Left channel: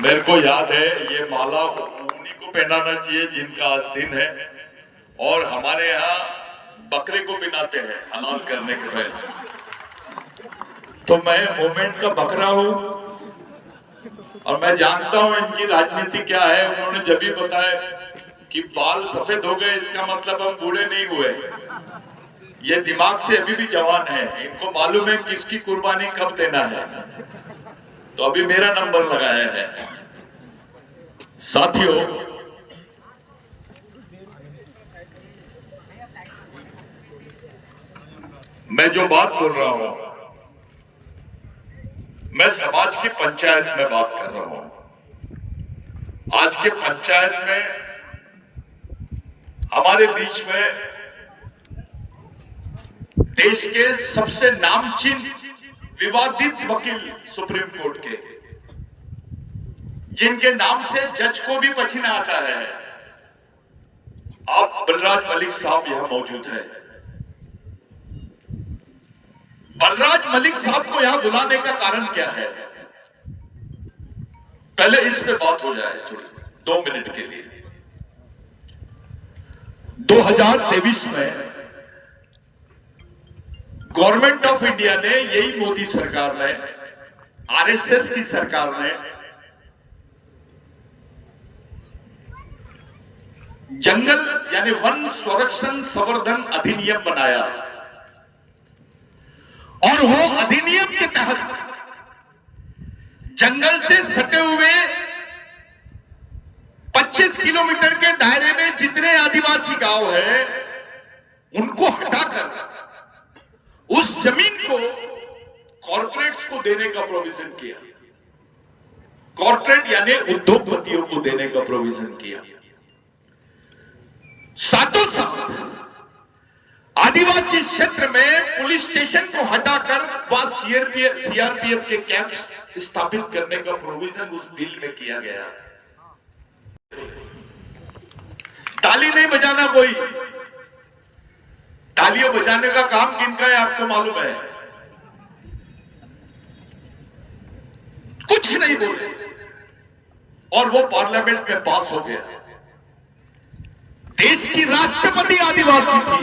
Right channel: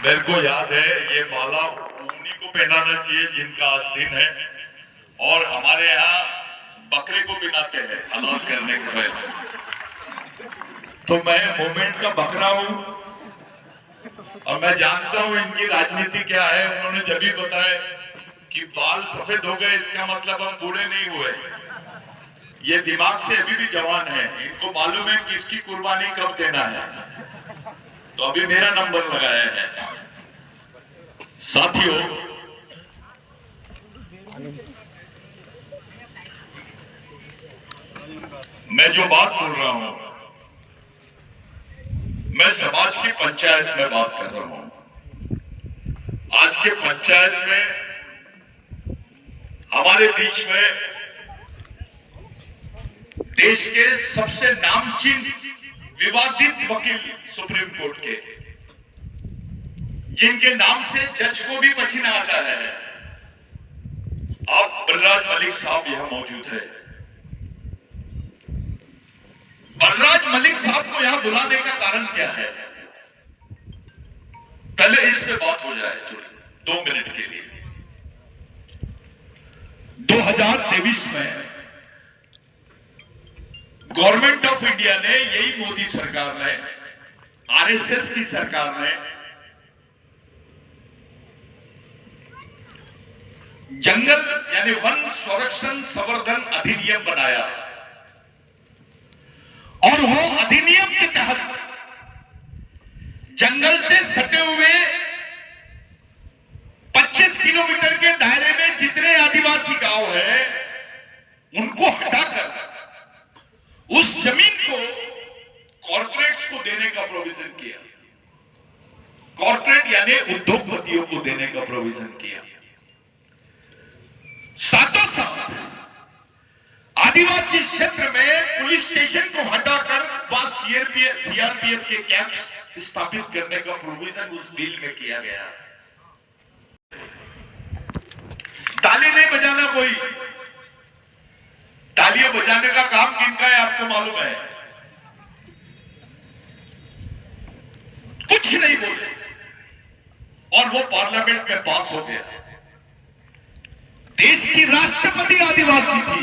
मेरे को याद है ये माला उन्हीं को पहनाना चाहिए जिनका आज दिन है, और हमारे यहाँ बकरे को पिनाते हैं हलाल करने के पहले। तो मैं मूवमेंट का बकरा हूँ और मैं जानता हूँ इनकी राजनीति क्या है। उन्होंने जब भी बताया कि बाल सफेद हो गए इसका मतलब हम बूढ़े नहीं हुए। ये दिमाग से अभी भी जवान है, इनको मालूम है किसकी कुर्बानी कब देना है। तो अभी मेरा नंबर लगाया है। साथियों, मैं जो बात बोल रहा हूं, मैं समाज की पंचायत में बात कर रहा हूं। आज के पंचायत में हमारे बीच में देश के सबसे नामचीन विवादित वकील सुप्रीम कोर्ट के, जिनके नाम से जज को भी पसीना आता है, आप बलराज मलिक साहब यहां मौजूद है। बलराज मलिक साहब को यहां बुलाने का कारण क्या है? पहले इस पे बात हो जाए थोड़ी 2 मिनट के लिए। 2023 में गवर्नमेंट ऑफ इंडिया ने, यही मोदी सरकार ने, आरएसएस की सरकार ने जंगल यानी वन संरक्षण संवर्धन अधिनियम बनाया, और वो अधिनियम के तहत जंगल से सटे हुए 25 किलोमीटर के दायरे में जितने आदिवासी गांव हैं, उनको हटाकर उस जमीन को कॉर्पोरेट्स को देने का प्रोविजन किया। कॉर्पोरेट यानी उद्योगपतियों को देने का प्रोविजन किया। साथों साथ आदिवासी क्षेत्र में पुलिस स्टेशन को हटाकर वहां सीआरपीएफ के कैंप्स स्थापित करने का प्रोविजन उस बिल में किया गया। ताली नहीं बजाना कोई, तालियां बजाने का काम किनका है आपको मालूम है? कुछ नहीं बोले और वो पार्लियामेंट में पास हो गया। देश की राष्ट्रपति आदिवासी थी,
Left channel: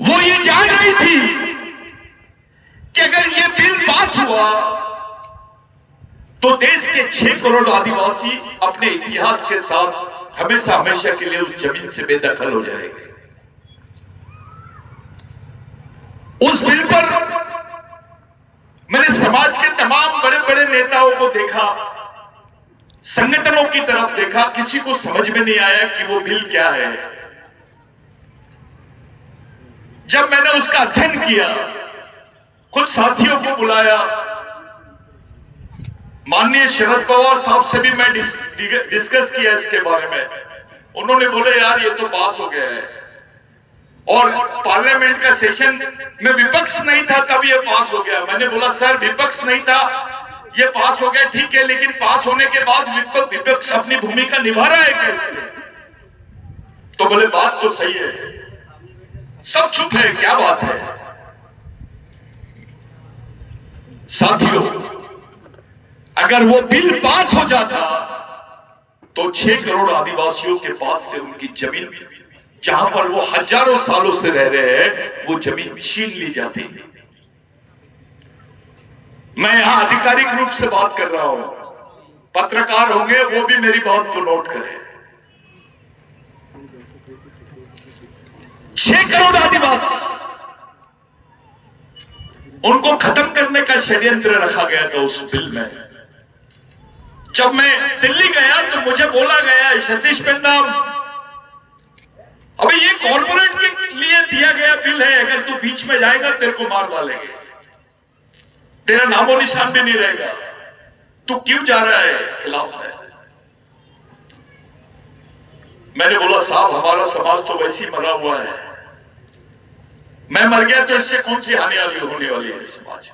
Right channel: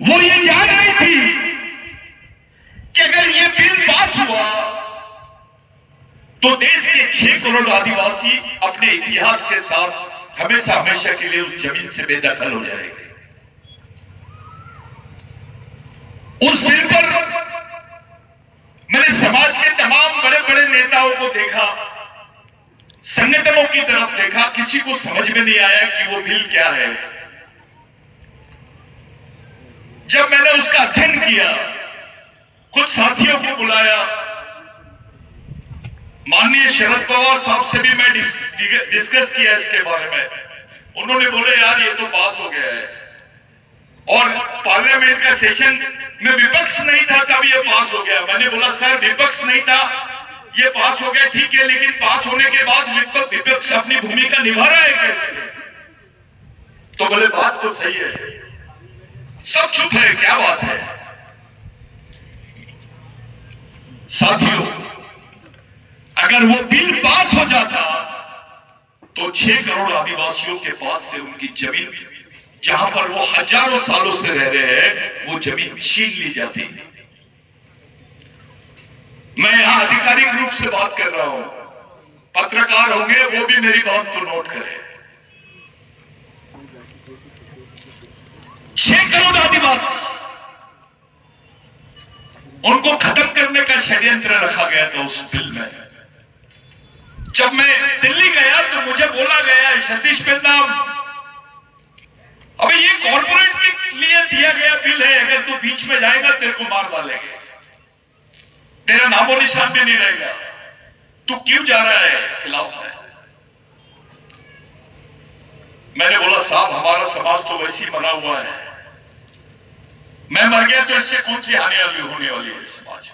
वो ये जान रही थी कि अगर ये बिल पास हुआ तो देश के 6 करोड़ आदिवासी अपने इतिहास के साथ हमेशा हमेशा के लिए उस जमीन से बेदखल हो जाएंगे। उस बिल पर मैंने समाज के तमाम बड़े बड़े नेताओं को देखा, संगठनों की तरफ देखा, किसी को समझ में नहीं आया कि वो बिल क्या है। जब मैंने उसका अध्ययन किया, कुछ साथियों को बुलाया, माननीय शरद पवार साहब से भी मैं डिस्कस किया इसके बारे में। उन्होंने बोले यार ये तो पास हो गया है, और पार्लियामेंट का सेशन में विपक्ष नहीं था तब ये पास हो गया। मैंने बोला सर विपक्ष नहीं था, ये पास हो गया ठीक है, लेकिन पास होने के बाद विपक्ष अपनी भूमिका निभा रहा है क्या इसमें? तो बोले बात तो सही है। सब चुप है, क्या बात है? साथियों, अगर वो बिल पास हो जाता तो 6 करोड़ आदिवासियों के पास से उनकी जमीन, जहां पर वो हजारों सालों से रह रहे हैं, वो जमीन छीन ली जाती। मैं यहां आधिकारिक रूप से बात कर रहा हूं, पत्रकार होंगे वो भी मेरी बात को नोट करें। 6 करोड़ आदिवासी, उनको खत्म करने का षड्यंत्र रखा गया था उस बिल में। जब मैं दिल्ली गया तो मुझे बोला गया सतीश पेंदाम, अबे ये कॉर्पोरेट के लिए दिया गया बिल है, अगर तू बीच में जाएगा तेरे को मार डालेंगे, तेरा नामो निशान भी नहीं रहेगा, तू क्यों जा रहा है, खिलाफ है। मैंने बोला साहब हमारा समाज तो वैसे ही मरा हुआ है, मैं मर गया तो इससे कौन सी हानि होने वाली है समाज।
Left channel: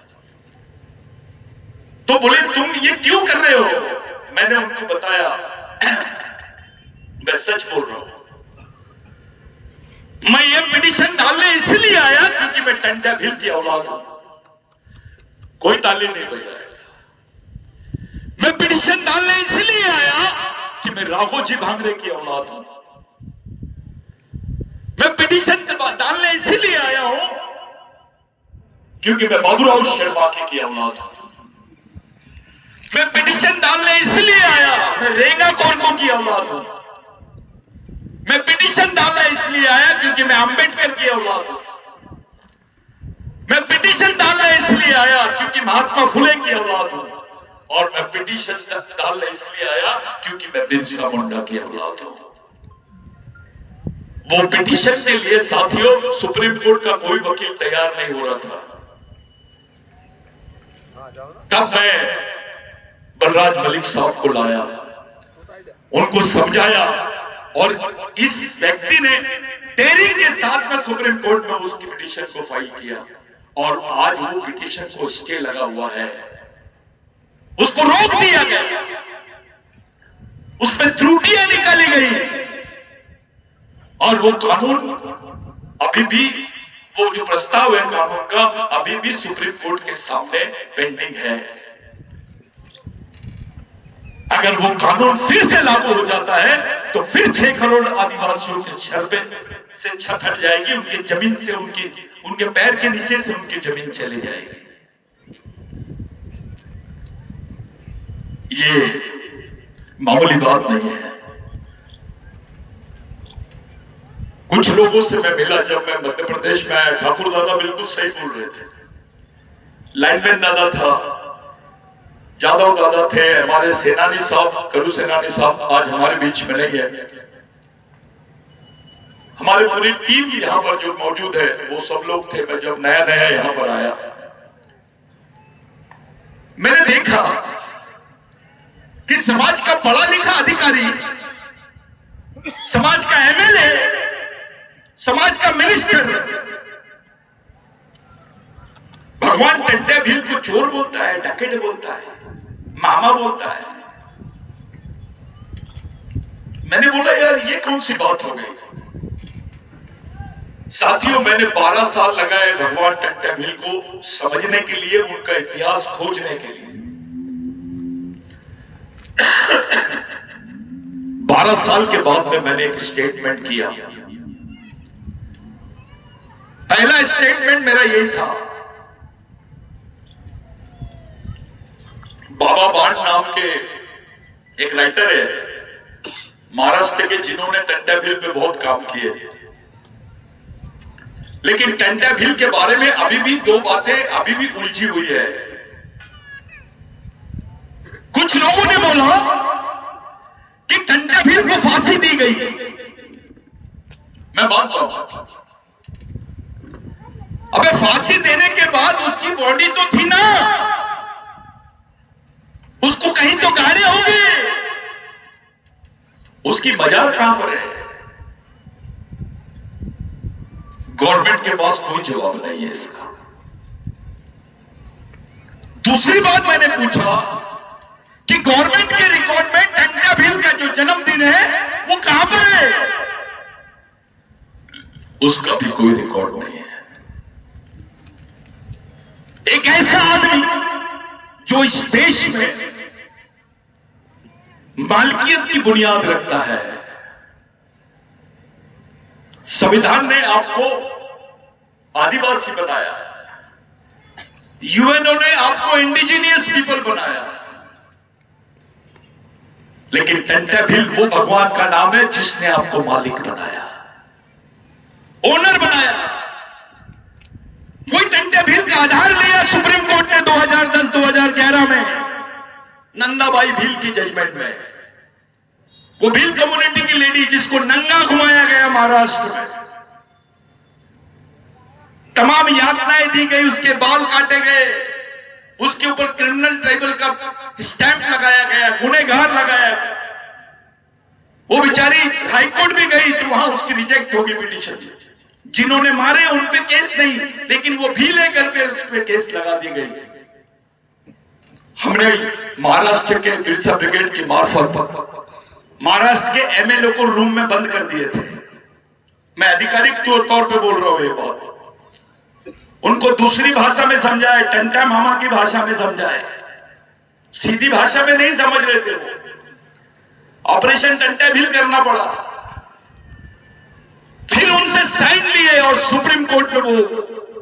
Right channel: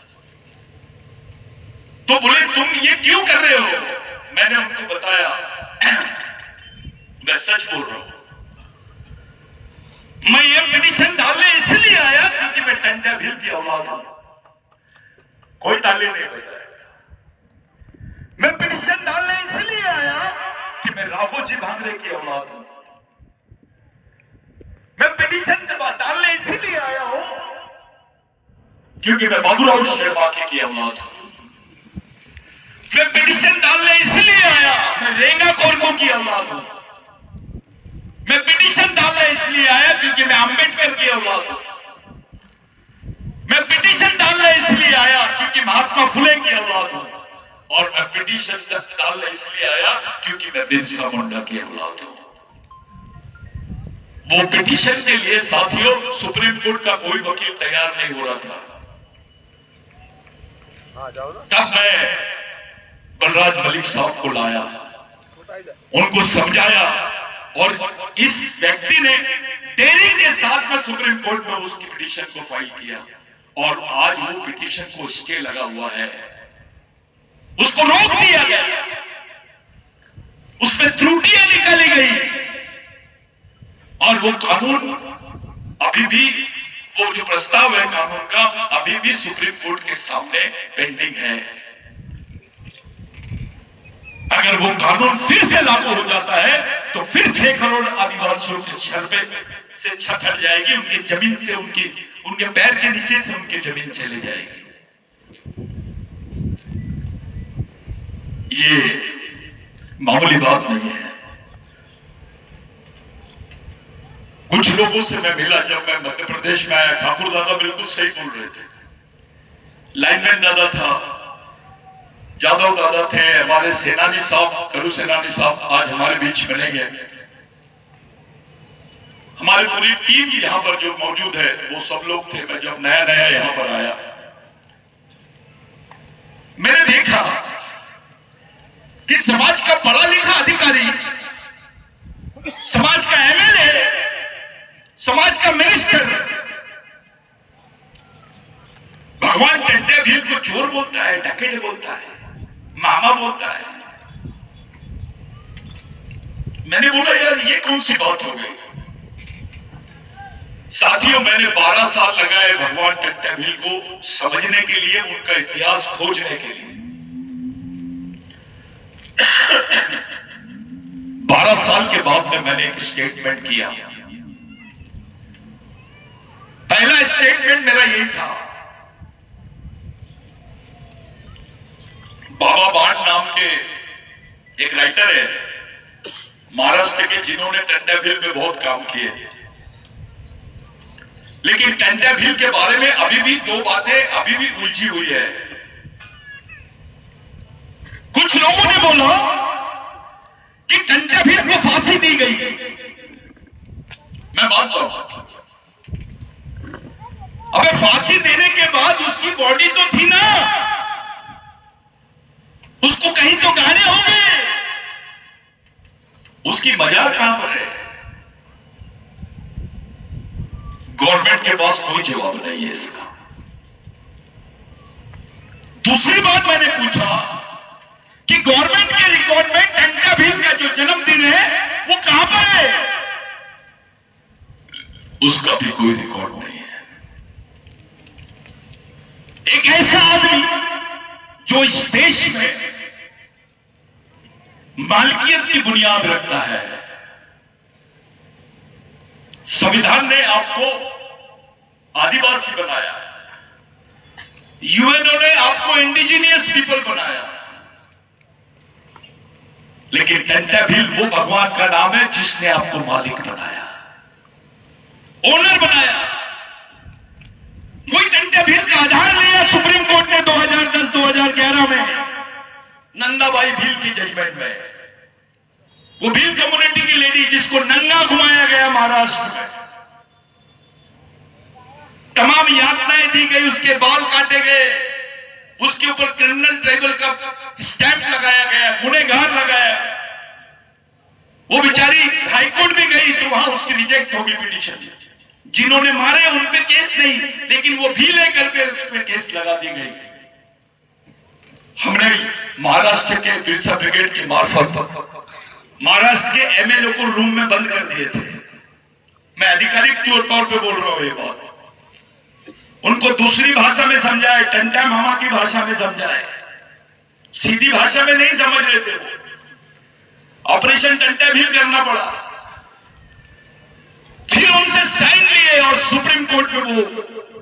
तो बोले तुम ये क्यों कर रहे हो? मैंने उनको बताया मैं सच बोल रहा हूं, मैं ये पिटीशन डालने इसलिए आया क्योंकि मैं टंडा भील की औलाद हूं। कोई ताली नहीं बजाएगा। मैं पिटीशन डालने इसलिए आया कि मैं राघोजी भांगरे की औलाद हूं। मैं पिटीशन डालने इसलिए आया हूं क्योंकि मैं बाबूराव शेरवाके की औलाद हूं। मैं पिटीशन डालने इसलिए आया, मैं रेंगा कोरको की औलाद हूं। मैं पिटीशन डालने इसलिए आया क्योंकि मैं अंबेडकर की औलाद हूं। मैं पिटीशन डालने इसलिए आया क्योंकि महात्मा फुले की औलाद हूं। और मैं पिटीशन डालने इसलिए आया क्योंकि मैं बिरसा मुंडा की औलाद हूं। वो पिटीशन के लिए साथियों सुप्रीम कोर्ट का कोई वकील तैयार नहीं हो रहा था। तब मैं बलराज मलिक साहब को लाया, उनको समझाया और इस व्यक्ति ने डेयरिंग के साथ में सुप्रीम कोर्ट में उसकी पिटीशन को फाइल किया और आज वो पिटीशन को स्टे लगा हुआ है, उसको रोक दिया गया, उसमें त्रुटियां निकाली गई और वो कानून अभी भी, वो जो प्रस्ताव है कानून का अभी भी सुप्रीम कोर्ट के सामने पेंडिंग है। अगर वो कानून फिर से लागू हो जाता है तो फिर 6 करोड़ आदिवासियों के सर पे से छत हट जाएगी, उनकी जमीन से, उनके पैर के नीचे से उनकी जमीन चली जाएगी। ये मामूली बात नहीं है। कुछ लोगों से मैं मिला जब मैं मध्य प्रदेश में आया, ठाकुर दादा बिल्कुल सही बोल रहे थे। लाइनमैन दादा था, जादव दादा थे, हमारे सेनानी साहब, करू सेनानी साहब आज हमारे बीच में नहीं है। हमारी पूरी टीम यहाँ पर जो मौजूद है वो सब लोग थे। मैं जब नया नया यहाँ पर आया मैंने देखा कि समाज का पढ़ा लिखा अधिकारी, समाज का एमएलए, समाज का मिनिस्टर भगवान टंटा भील को चोर बोलता है, डकैत बोलता है, मामा बोलता है। मैंने बोला यार ये कौन सी बात हो गई। साथियों मैंने 12 साल लगाए भगवान टंटा भील को समझने के लिए, उनका इतिहास खोजने के लिए। 12 साल के बाद में मैंने एक स्टेटमेंट किया। पहला स्टेटमेंट मेरा यही था, बाबा बाण नाम के एक राइटर है महाराष्ट्र के, जिन्होंने टंटा भील पे बहुत काम किए, लेकिन टंटा भील के बारे में अभी भी 2 बातें अभी भी उलझी हुई है। कुछ लोगों ने बोला कि टंटा भील को फांसी दी गई। मैं मानता हूं, अबे फांसी देने के बाद उसकी बॉडी तो थी ना, उसको कहीं तो गाने होंगे, उसकी मजार कहां पर है? गवर्नमेंट के पास कोई जवाब नहीं है इसका। दूसरी बात मैंने पूछा कि गवर्नमेंट के रिकॉर्ड में टंटा भील का जो जन्मदिन है वो कहां पर है? उसका भी कोई रिकॉर्ड नहीं है। एक ऐसा आदमी जो इस देश में मालकियत की बुनियाद रखता है। संविधान ने आपको आदिवासी बनाया, यूएनओ ने आपको इंडिजिनियस पीपल बनाया, लेकिन टंटा भील वो भगवान का नाम है जिसने आपको मालिक बनाया, ओनर बनाया। वही टंटा भील का आधार लिया सुप्रीम कोर्ट ने 2010-2011 में नंदाबाई भील की जजमेंट में। वो भील कम्युनिटी की लेडी जिसको नंगा घुमाया गया महाराष्ट्र में, तमाम यातनाएं दी गई, उसके बाल काटे गए, उसके ऊपर क्रिमिनल ट्राइबल का स्टैंप लगाया गया, गुनहगार लगाया। वो बेचारी हाईकोर्ट भी गई तो वहां उसकी रिजेक्ट होगी पिटीशन। जिन्होंने मारे उन पे केस नहीं, लेकिन वो भी लेकर के उस पे केस लगा दी गई। हमने महाराष्ट्र के बिरसा ब्रिगेड की मार्फत महाराष्ट्र के एमएलए को रूम में बंद कर दिए थे। मैं आधिकारिक तौर पे बोल रहा हूं ये बात। उनको दूसरी भाषा में समझाए, टंटा मामा की भाषा में समझाए, सीधी भाषा में नहीं समझ रहे थे वो, ऑपरेशन टंटा भील करना पड़ा। फिर उनसे साइन लिए और सुप्रीम कोर्ट में वो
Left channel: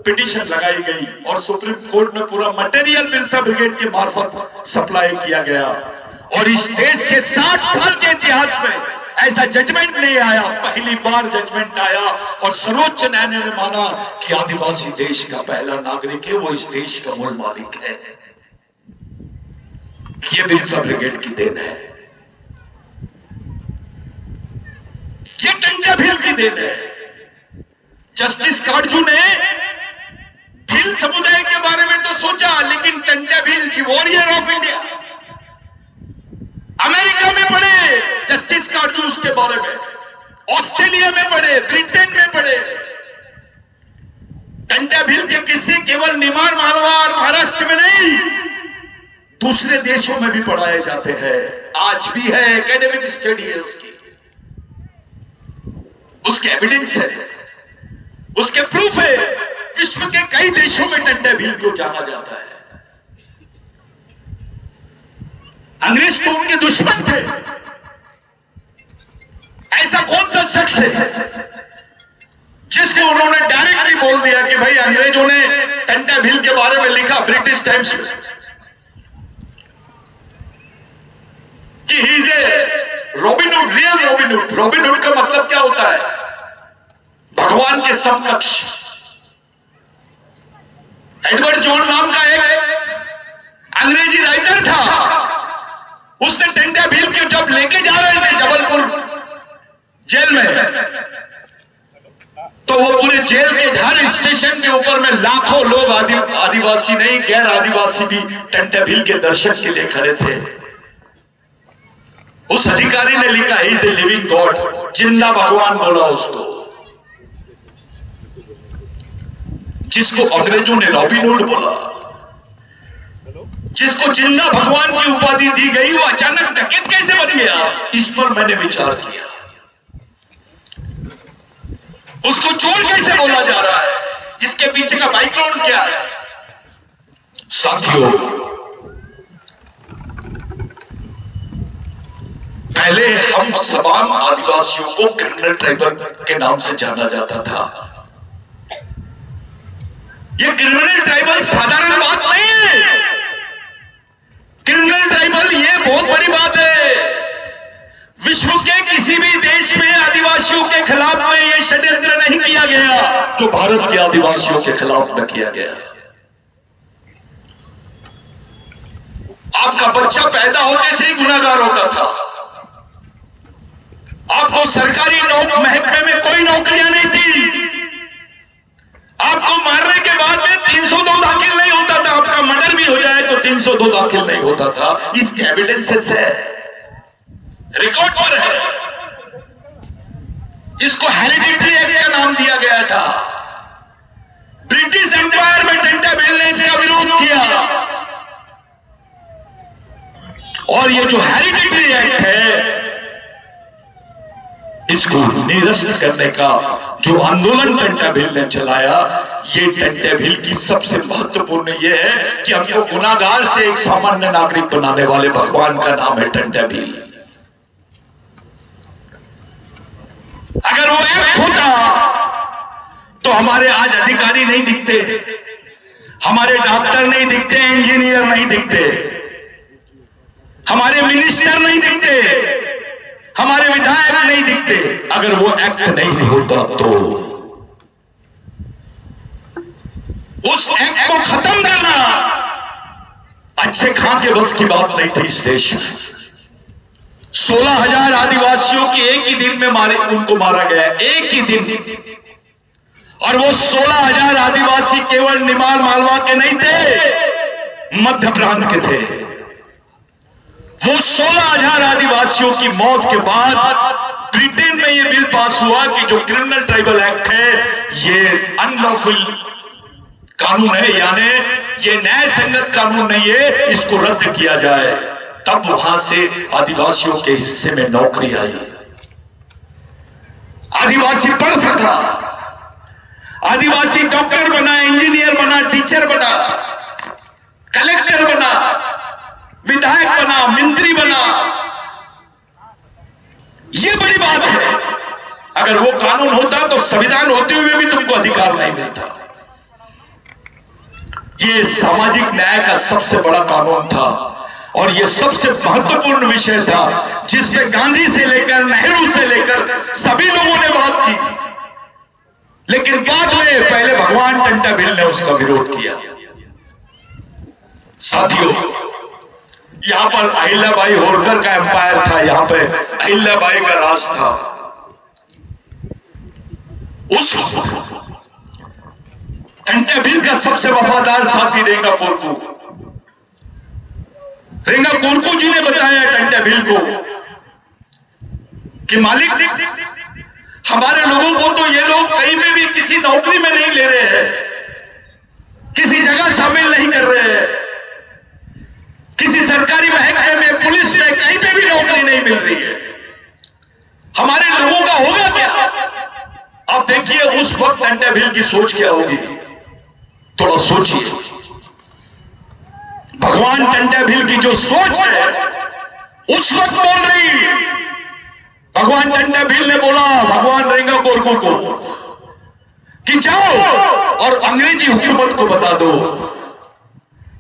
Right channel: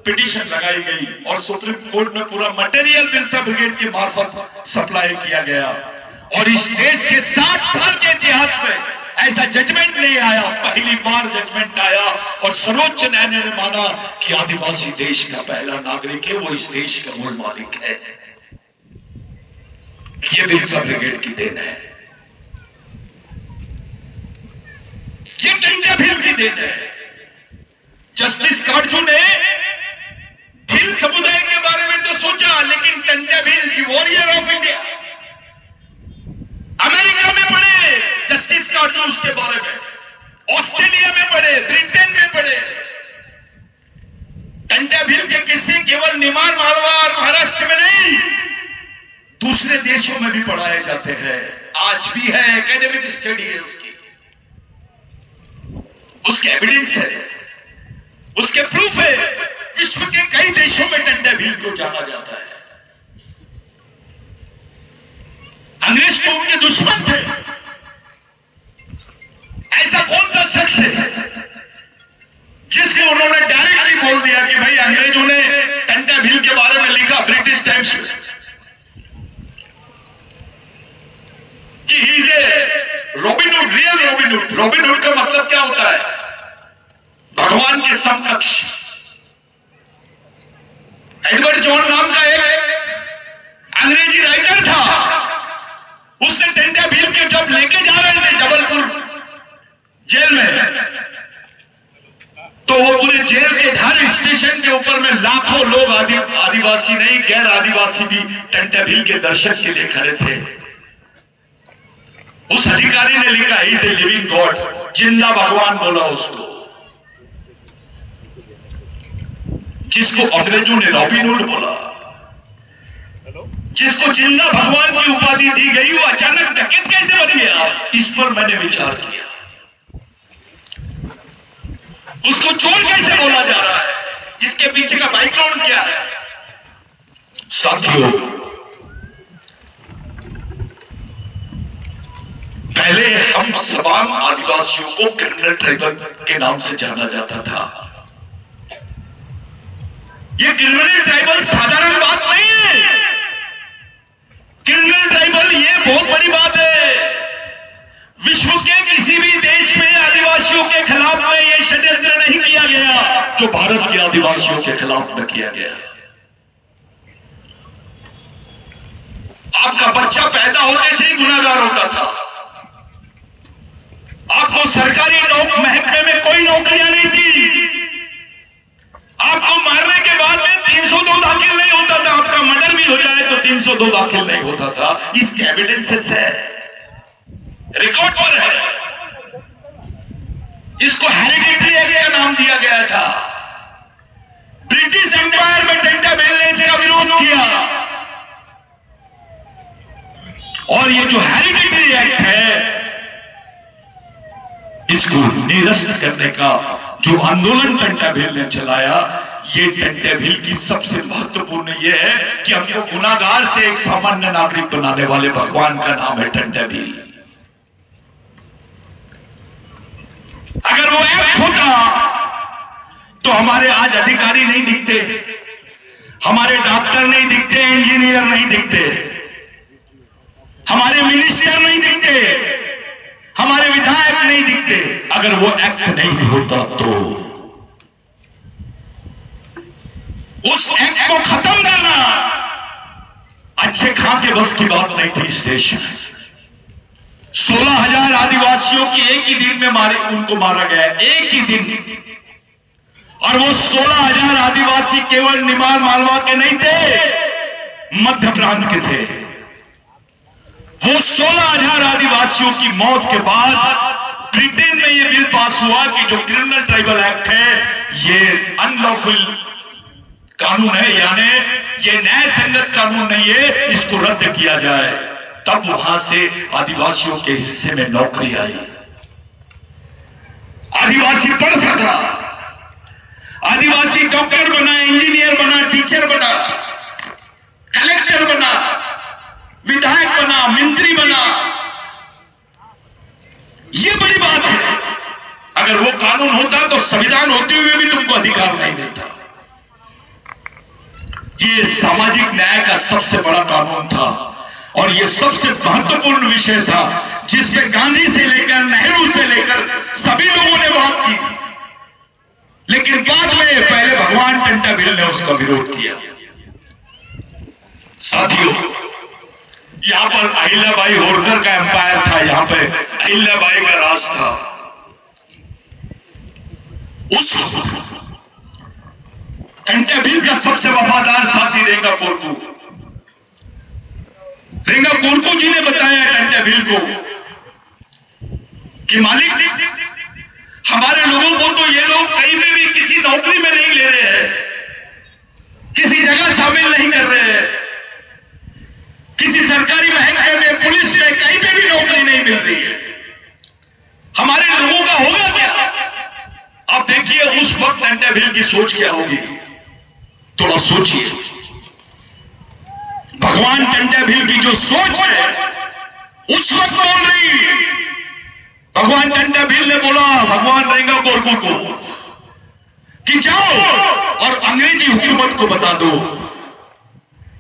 पिटीशन लगाई गई और सुप्रीम कोर्ट में पूरा मटेरियल बिरसा ब्रिगेड के मार्फत सप्लाई किया गया। और इस देश के 60 साल के इतिहास में ऐसा जजमेंट नहीं आया, पहली बार जजमेंट आया और सर्वोच्च न्यायालय ने माना कि आदिवासी देश का पहला नागरिक है, वो इस देश का मूल मालिक है। ये बिरसा ब्रिगेड की देन है, ये टंटा भील की देन है। जस्टिस काटजू ने भील समुदाय के बारे में तो सोचा, लेकिन टंटा भील की वॉरियर ऑफ इंडिया अमेरिका में पढ़े जस्टिस काटजू उसके बारे में, ऑस्ट्रेलिया में पढ़े, ब्रिटेन में पढ़े। टंटा भील के किस्से केवल निमाड़ मालवा और महाराष्ट्र में नहीं, दूसरे देशों में भी पढ़ाए जाते हैं, आज भी है, एकेडमिक स्टडी है उसकी, उसके एविडेंस है, उसके प्रूफ है। विश्व के कई देशों में टंटा भील को जाना जाता है। अंग्रेज तो उनके दुश्मन थे। ऐसा कौन सा शख्स है जिसको उन्होंने डायरेक्टली बोल दिया कि भाई अंग्रेजों ने टंटा भील के बारे में लिखा ब्रिटिश टाइम्स में कि he is a robin hood, real robin hood. Robin hood का मतलब क्या होता है? भगवान के समकक्ष। एडवर्ड जॉन नाम का एक अंग्रेजी राइटर था, उसने टंटा भील के जब लेके जा रहे थे जबलपुर जेल में, तो वो पूरे जेल के हर स्टेशन के ऊपर में लाखों लोग, आदिवासी नहीं गैर आदिवासी भी टंटा भील के दर्शन के लिए खड़े थे। उस अधिकारी ने लिखा he is a living God, जिंदा भगवान बोला उसको, जिसको अंग्रेजों ने रॉबिन हुड बोला, जिसको जिंदा भगवान की उपाधि दी गई, वो अचानक डकैत कैसे बन गया? इस पर मैंने विचार किया। उसको चोर कैसे बोला जा रहा है? इसके पीछे का बैकग्राउंड क्या है? साथियों, पहले हम तमाम आदिवासियों को क्रिमिनल ट्राइबल के नाम से जाना जाता था। ये क्रिमिनल ट्राइबल साधारण बात नहीं है। क्रिमिनल ट्राइबल ये बहुत बड़ी बात है। विश्व के किसी भी देश में आदिवासियों के खिलाफ में ये षड्यंत्र नहीं किया गया जो भारत के आदिवासियों के खिलाफ में किया गया। आपका बच्चा पैदा होने से ही गुनाहगार होता था। आपको सरकारी महकमे में कोई नौकरियां नहीं थी। आपको मारने के बाद में 302 दाखिल नहीं होता था। आपका मर्डर भी हो जाए तो 302 दाखिल नहीं होता था। इसके एविडेंसेस है, रिकॉर्ड पर है। इसको हेरिडिटरी एक्ट का नाम दिया गया था। ब्रिटिश एम्पायर में टंटा भील ने इसका विरोध किया और ये जो हेरिडिटरी एक्ट है, इसको निरस्त करने का जो आंदोलन टंटा भील ने चलाया, ये टंटा भील की सबसे महत्वपूर्ण ये है कि हमको गुनाहगार से एक सामान्य नागरिक बनाने वाले भगवान का नाम है टंटा भील। अगर वो एक्ट होता तो हमारे आज अधिकारी नहीं दिखते, हमारे डॉक्टर नहीं दिखते, इंजीनियर नहीं दिखते, हमारे मिनिस्टर नहीं दिखते, हमारे विधायक नहीं दिखते। अगर वो एक्ट नहीं होता तो उस एक्ट को खत्म करना अच्छे खां के बस की बात नहीं थी। इस देश में 16,000 आदिवासियों की एक ही दिन में उनको मारा गया, एक ही दिन। और वो 16,000 आदिवासी केवल निमाड़ मालवा के नहीं थे, मध्य प्रांत के थे। वो 16,000 आदिवासियों की मौत के बाद ब्रिटेन में यह बिल पास हुआ कि जो क्रिमिनल ट्राइबल एक्ट है, ये अनलॉफुल कानून है, यानी ये न्याय संगत कानून नहीं है, इसको रद्द किया जाए। तब वहां से आदिवासियों के हिस्से में नौकरी आई, आदिवासी पढ़ सका, आदिवासी डॉक्टर बना, इंजीनियर बना, टीचर बना, कलेक्टर बना, विधायक बना, मंत्री बना, यह बड़ी बात है। अगर वो कानून होता तो संविधान होते हुए भी तुमको अधिकार नहीं मिलता। ये सामाजिक न्याय का सबसे बड़ा कानून था और ये सबसे महत्वपूर्ण विषय था जिस पे गांधी से लेकर नेहरू से लेकर सभी लोगों ने बात की, लेकिन बाद में पहले भगवान टंटा भिल ने उसका विरोध किया। साथियों, यहां पर अहिल्याबाई होलकर का एम्पायर था, यहां पे अहिल्याबाई का राज था। उस टंटा भिल का सबसे वफादार साथी रेंगा कोरकू। रेंगा कोरकू जी ने बताया टंटा भिल को कि मालिक, हमारे लोगों को तो ये लोग कहीं में भी किसी नौकरी में नहीं ले रहे हैं, किसी जगह शामिल नहीं कर रहे हैं, किसी सरकारी महकमे में, पुलिस में, कहीं पे भी नौकरी नहीं मिल रही है। हमारे लोगों का होगा क्या? आप देखिए उस वक्त टंटा भिल की सोच क्या होगी, थोड़ा सोचिए। भगवान टंटा भिल की जो सोच है उस वक्त बोल रही, भगवान टंटा भिल ने बोला भगवान रेंगा कोरकू को कि जाओ और अंग्रेजी हुकूमत को बता दो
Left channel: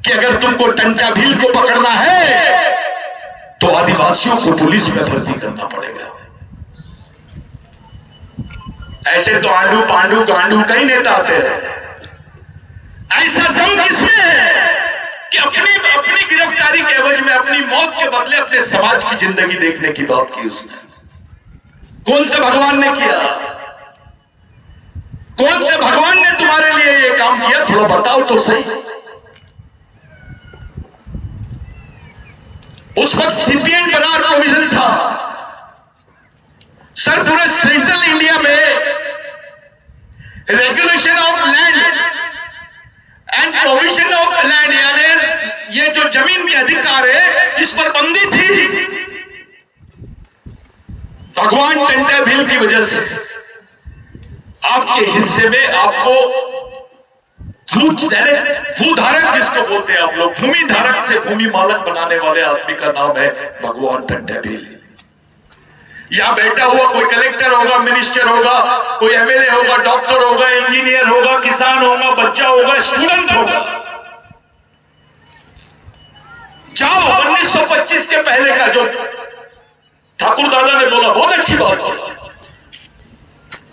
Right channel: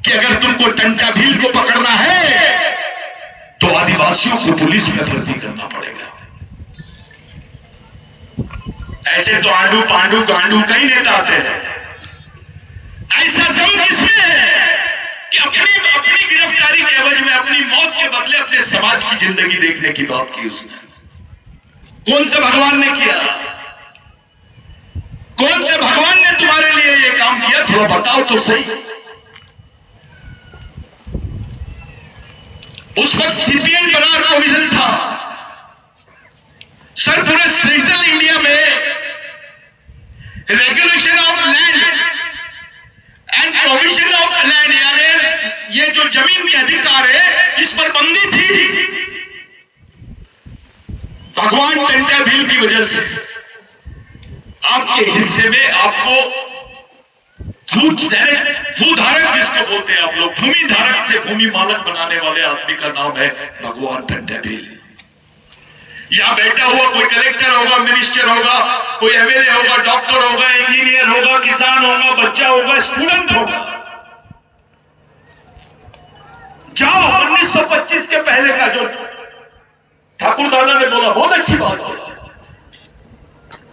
कि अगर तुमको टंटा भिल को पकड़ना है तो आदिवासियों को पुलिस में भर्ती करना पड़ेगा। ऐसे तो आंडू पांडू गांडू कई नेता आते हैं, ऐसा दम किसमें है कि अपनी गिरफ्तारी के एवज में, अपनी मौत के बदले अपने समाज की जिंदगी देखने की बात की उसने। कौन से भगवान ने किया? कौन से भगवान ने तुम्हारे लिए ये काम किया? थोड़ा बताओ तो सही। उस वक्त सीपीएम बना प्रोविजन था सर, पूरे सेंट्रल इंडिया में regulation of land and provision of land, यानी ये जो जमीन के अधिकार है इस पर बंदी थी। भगवान टंटा भिल की वजह से आपके हिस्से में आपको भूधारक जिसको बोलते हैं आप लोग, भूमि धारक से भूमि मालक बनाने वाले आदमी का नाम है भगवान टंटा भिल। यहां बैठा हुआ कोई कलेक्टर होगा, मिनिस्टर होगा, कोई एमएलए होगा, डॉक्टर होगा, इंजीनियर होगा, किसान होगा, बच्चा होगा, स्टूडेंट होगा, जाओ 1925 के पहले का जो ठाकुर दादा ने बोला, बहुत अच्छी बात बोला।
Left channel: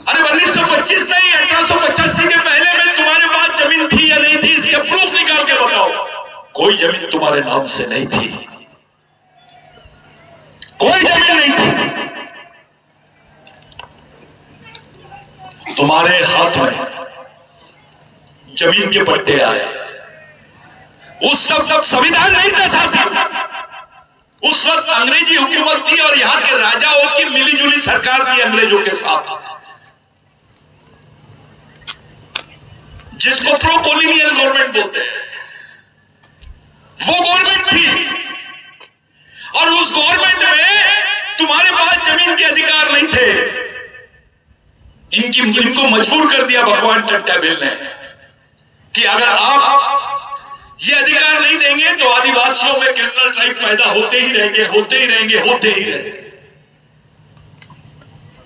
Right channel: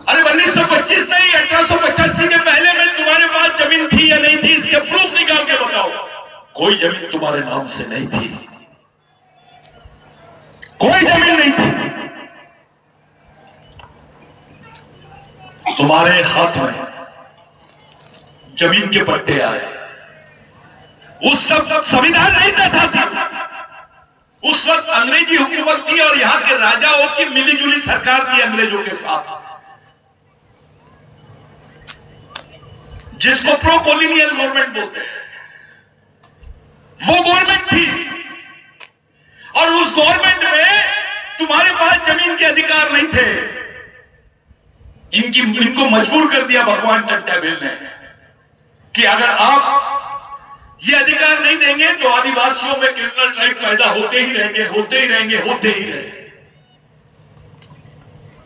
अरे 1925 नहीं, 1885 के पहले में तुम्हारे पास जमीन थी या नहीं थी, इसके प्रूफ निकाल के बताओ। कोई जमीन तुम्हारे नाम से नहीं थी, कोई जमीन नहीं थी। तुम्हारे हाथ में जमीन के पट्टे आए। उस सब संविधान नहीं था साथी, उस वक्त अंग्रेजी हुकूमत थी और यहां के राजाओं की मिलीजुली सरकार थी अंग्रेजों के साथ, जिसको प्रो कॉलोनियल गवर्नमेंट बोलते हैं, वो गवर्नमेंट थी। और उस गवर्नमेंट में तुम्हारे पास जमीन के अधिकार नहीं थे। इनको मजबूर कर दिया भगवान टंटा भिल ने कि अगर आप ये अधिकार नहीं देंगे तो आदिवासियों में क्रिमिनल ट्राइब पैदा होते ही रहेंगे, होते ही रहेंगे, होते ही रहेंगे।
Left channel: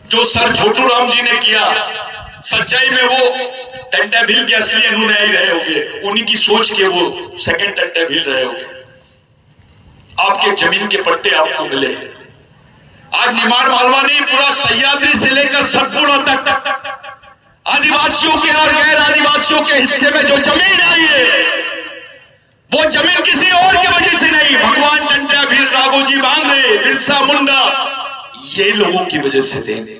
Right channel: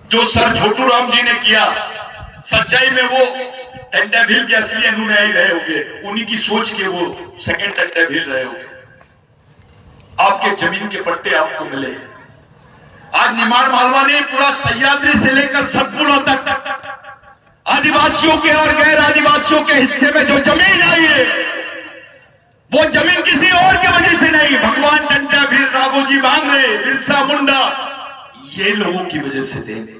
जो सर छोटू राम जी ने किया, सच्चाई में वो टंटा भिल के असली अनुयायी रहे होंगे, उन्हीं की सोच के वो सेकंड टंटा भिल रहे होंगे। आपके जमीन के पट्टे आपको मिले। आज निमाड़ मालवा ने पूरा सह्याद्री से लेकर सतपुड़ा तक आदिवासियों के और गैर आदिवासियों के हिस्से में जो जमीन आई है, वो जमीन किसी और की वजह से नहीं, भगवान टंटा भिल, राघोजी बांगरे, बिरसा मुंडा, ये लोगों की वजह से देंगे।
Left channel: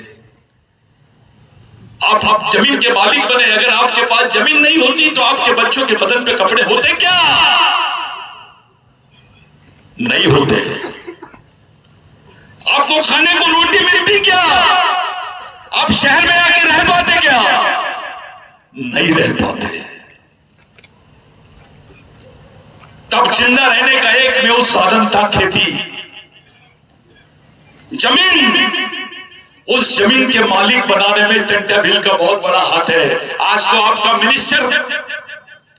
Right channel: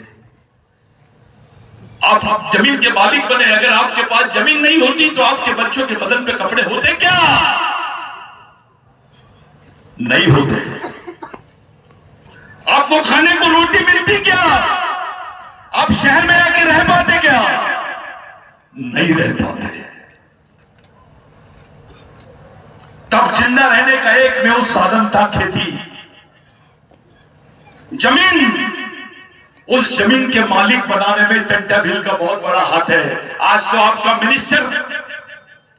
आप जमीन के मालिक बने। अगर आपके पास जमीन नहीं होती तो आपके बच्चों के बदन पे कपड़े होते क्या? नहीं होते। आपको खाने को रोटी मिलती क्या? आप शहर में आके रह पाते क्या? नहीं रह पाते। तब जिंदा रहने का एकमेव साधन था खेती। जमीन, उस जमीन के मालिक बनाने में टंटा भिल का बहुत बड़ा हाथ है। आज तो आपका मिनिस्टर,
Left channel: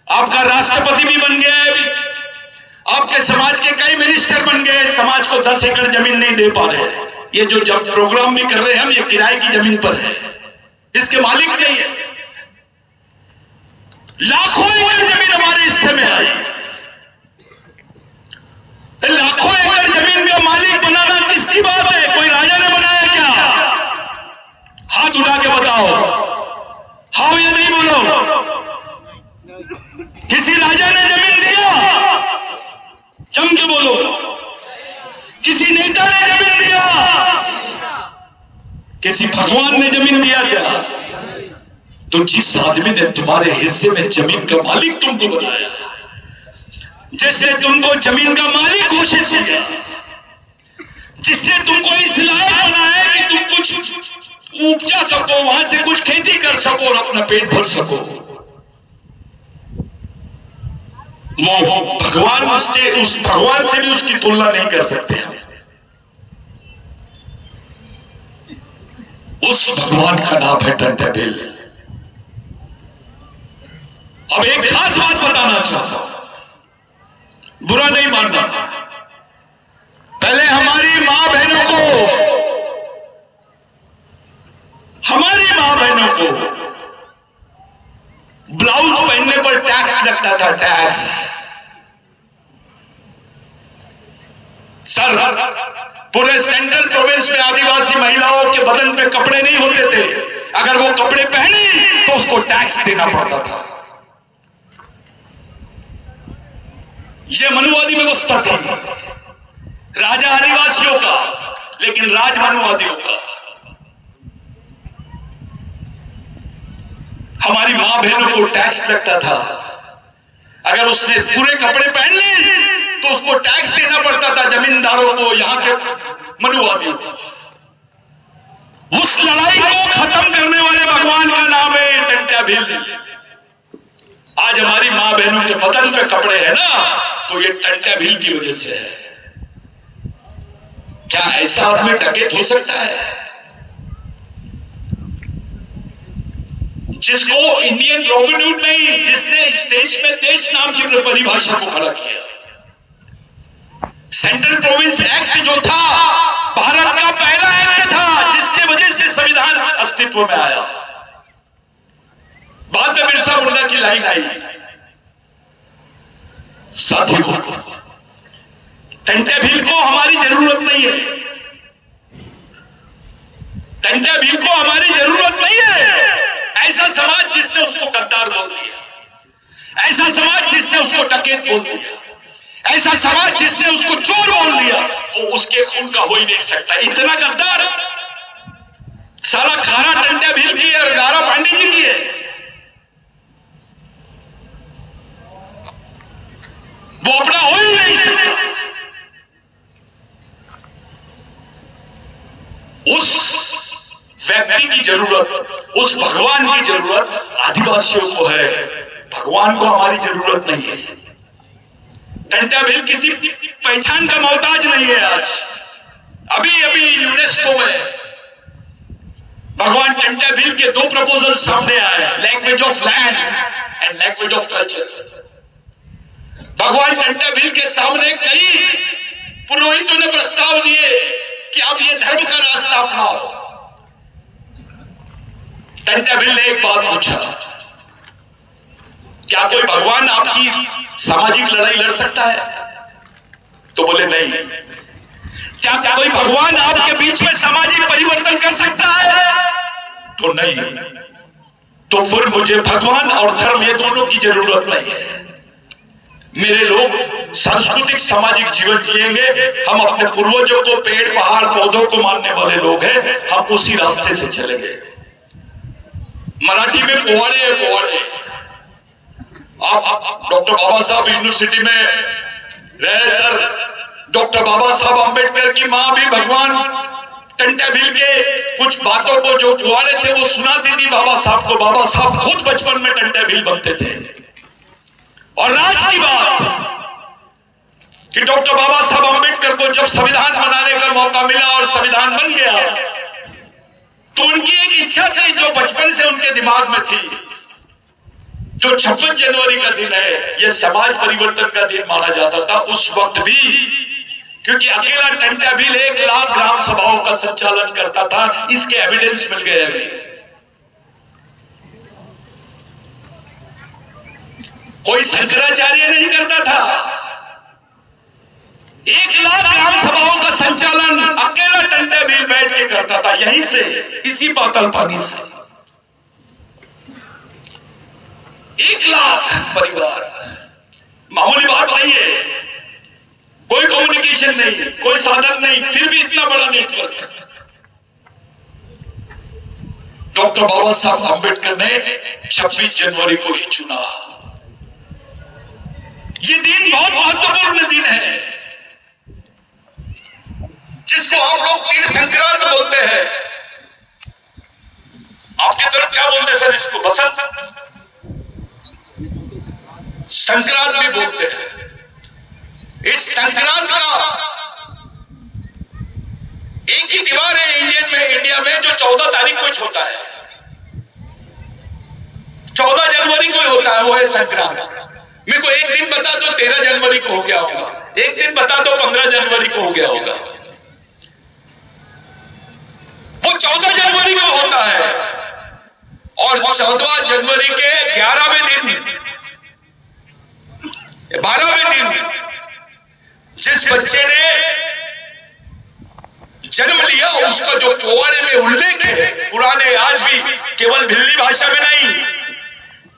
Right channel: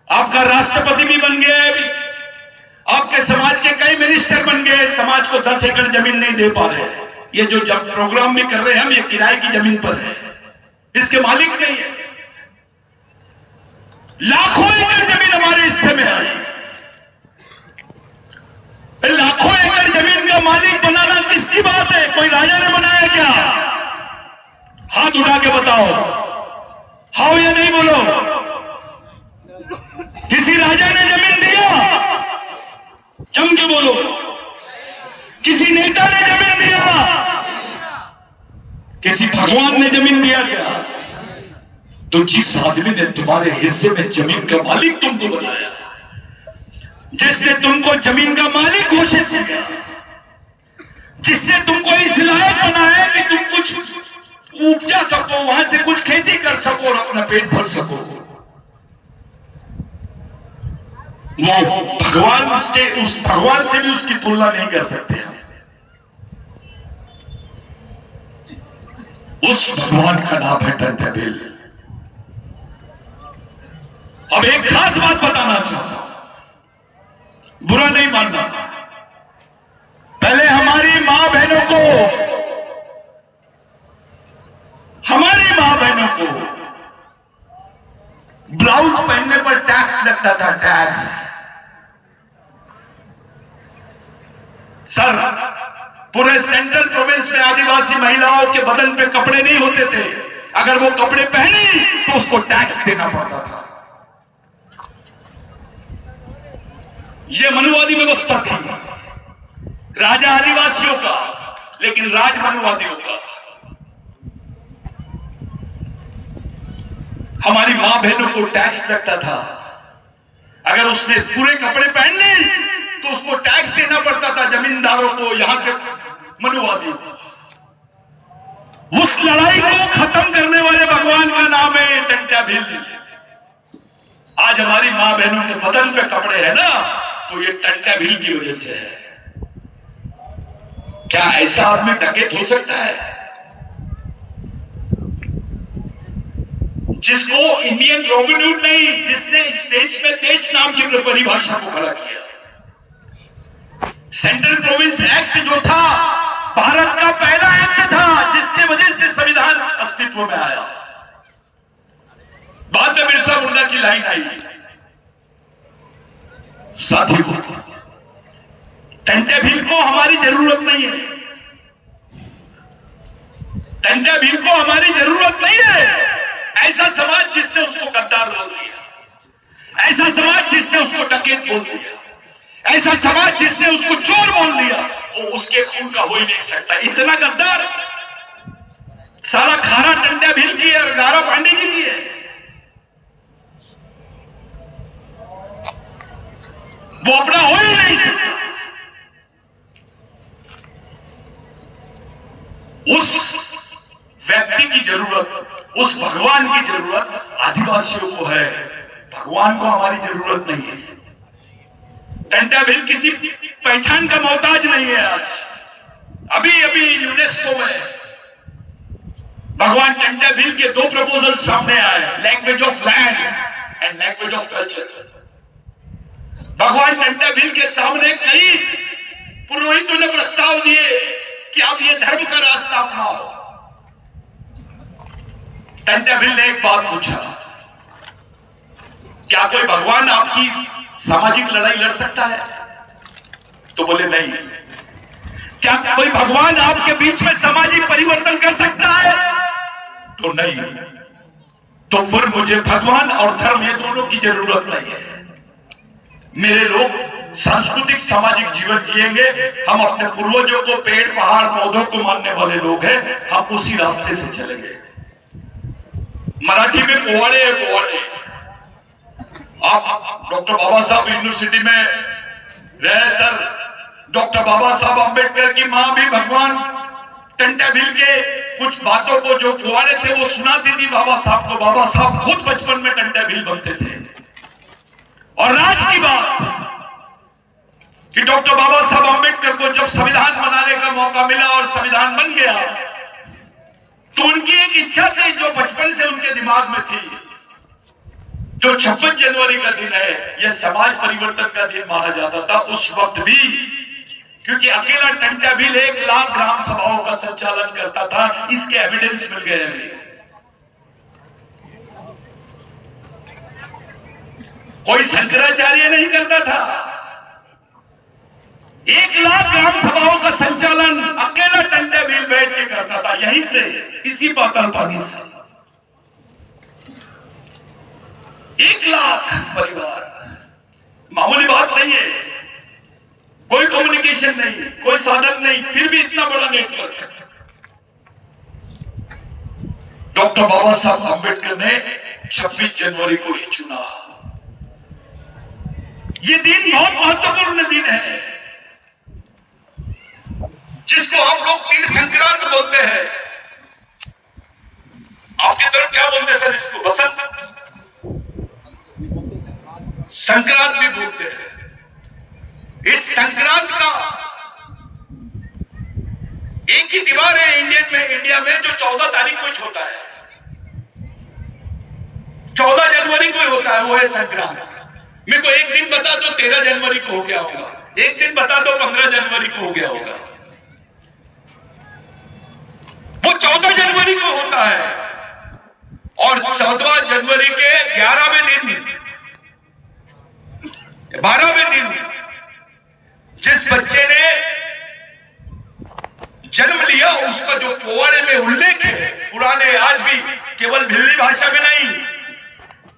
आपका राष्ट्रपति भी बन गया है अभी, आपके समाज के कई मिनिस्टर बन गए, समाज को 10 एकड़ जमीन नहीं दे पा रहे। ये जो जब प्रोग्राम भी कर रहे हैं हम, ये किराए की जमीन पर है, इसके मालिक नहीं है। लाखों एकड़ जमीन हमारे हिस्से में आई। लाखों एकड़ जमीन का मालिक बनाना किसकी बात है? कोई राजा ने बनाया क्या? हाथ उठा के बताओ, हाँ या नहीं बोलो। किसी राजा ने जमीन दिया? जम के बोलो। किसी नेता ने जमीन दिया? किसी भगवान ने जमीन दिया क्या? तो जिस आदमी ने तुम्हारे हिस्से में जमीन का मालिक तुमको बनाया, जिसने तुमको जमीन का मालिक घोषित किया, जिसने तुमको इस लायक बनाया कि तुम कुछ उपजा सको, वहां से कुछ खेती कर सको और अपना पेट भर सको, वो भगवान, उस भगवान से भी उसकी तुलना नहीं कर सकते हम। उस भगवान का नाम है टंटाबिल। अब एक खास बात बताना चाहता हूं, बुरा नहीं मानना। पहले हमारी मां बहनों को ब्लाउज पहनने पर टैक्स लगता था, टैक्स। सर, पूरे सेंट्रल प्रोविंस में आदिवासी महिलाओं के बदन पे कपड़े नहीं होते थे। अगर वो कपड़े पहनी तो उसको टैक्स देना पड़ता था। ये मनुवादी व्यवस्था थी, राजा आदिवासियों का, लेकिन राज मनुवादियों का। हमारी मां बहनों को टैक्स लगता था। अगर उसने पूरे कपड़े पहन ली तो उसको टैक्स देना पड़ता था, जमींदारों को, यहां के मनुवादी। उस लड़ाई को खत्म करने वाले भगवान का नाम है टंटाबिल। आज हमारी मां बहनों के बदन पे कपड़े हैं ना, तो ये टंटाबिल की वजह से है। क्या ऐसा आदमी डकैत हो सकता है जिसको इंडियन रॉबिनहुड नहीं, जिसने इस देश में देश नाम की परिभाषा को खड़ा किया? सेंट्रल प्रोविंस एक्ट जो था, भारत का पहला एक्ट था जिसकी वजह से संविधान अस्तित्व में आया। बाद में बिरसा मुंडा की लाइन आई। साथियों, टंटाबिल को हमारी जरूरत नहीं है। टंटाबिल को हमारी जरूरत नहीं है। ऐसा समाज जिसने उसको गद्दार बोल दिया, ऐसा समाज जिसने उसको डकैत बोल दिया, ऐसा समाज जिसने उसको चोर बोल दिया, वो उसके खून का हो ही नहीं सकता। इतना गद्दार साला खाना टंटाबिल की है और गारा पांडे जी की है। वो अपना हो ही नहीं सकता। उस व्यक्ति की जरूरत, उस भगवान की जरूरत आदिवासियों को है, भगवान को हमारी जरूरत नहीं है। टंटाबिल किसी पहचान का मोहताज नहीं है। आज अभी यूनेस्को में भगवान टंटाबिल के 2 प्रपोजल सामने आए, language of land and language of culture. भगवान टंटाबिल के सामने कई पुरोहितों ने प्रस्ताव दिए कि आप ये धर्म का रास्ता अपनाओ। टंटाबिल ने एक बात पूछा, क्या कोई भगवान आपकी सामाजिक लड़ाई लड़ सकता है? तो बोले नहीं। क्या कोई भगवान आपके बीच में सामाजिक परिवर्तन कर सकता है? तो नहीं। तो फिर मुझे भगवान और धर्म ये दोनों की जरूरत नहीं है। मेरे लोग सांस्कृतिक सामाजिक जीवन जिएंगे। हम अपने पूर्वजों को, पेड़ पहाड़ पौधों को मानने वाले लोग हैं, हम उसी रास्ते से चलेंगे। मराठी में पोवाड़े है, पोवाड़े। आप डॉक्टर बाबा साहब यूनिवर्सिटी में रहे सर। डॉक्टर बाबा साहब अंबेडकर की मां भी भगवान टंटाबिल के कुछ बातों को, जो पोवाड़े थे, वो सुनाती थी बाबा साहब को। बाबा साहब खुद बचपन में टंटाबिल बनते थे। और राज की बात कि डॉक्टर बाबा साहब अंबेडकर को जब संविधान बनाने का मौका मिला और संविधान बन गया, तो उनकी एक इच्छा थी जो बचपन से उनके दिमाग में थी जो 26 जनवरी का दिन है, यह समाज परिवर्तन का दिन माना जाता था उस वक्त भी, क्योंकि अकेला टंटा भील 1 लाख ग्राम सभाओं का संचालन करता था। इसके एविडेंस मिल गए अभी। कोई शंकराचार्य नहीं करता था। 1 लाख ग्राम सभाओं का संचालन अकेला टंटा भील बैठ के करता था, यहीं से, इसी पाताल पानी से। 1 लाख परिवार मामूली बात नहीं है। कोई कम्युनिकेशन नहीं, कोई साधन नहीं, फिर भी इतना बड़ा नेटवर्क। डॉक्टर बाबा साहब अम्बेडकर ने 26 जनवरी को ही चुना। ये दिन बहुत महत्वपूर्ण दिन है, जिसको आप लोग तीन संक्रांत बोलते हैं। आपकी तरफ क्या बोलते हैं सर इसको? बसंत संक्रांत भी बोलते हैं। इस संक्रांत का एक ही त्योहार है इंडिया में जो 14 तारीख को ही होता है। 14 जनवरी को ही होता है, वो है संक्रांत। मेरे को एक दिन बता दो 13 जनवरी को हो गया होगा, एक दिन बता दो 15 जनवरी को हो गया होगा। वो 14 जनवरी को होता है, और 14 जनवरी के 11वें दिन 12वें दिन जिस बच्चे ने जन्म लिया, उसका जो पोवाड़े में उल्लेख है पुराने, आज भी केवल भिल्ली भाषा में नहीं,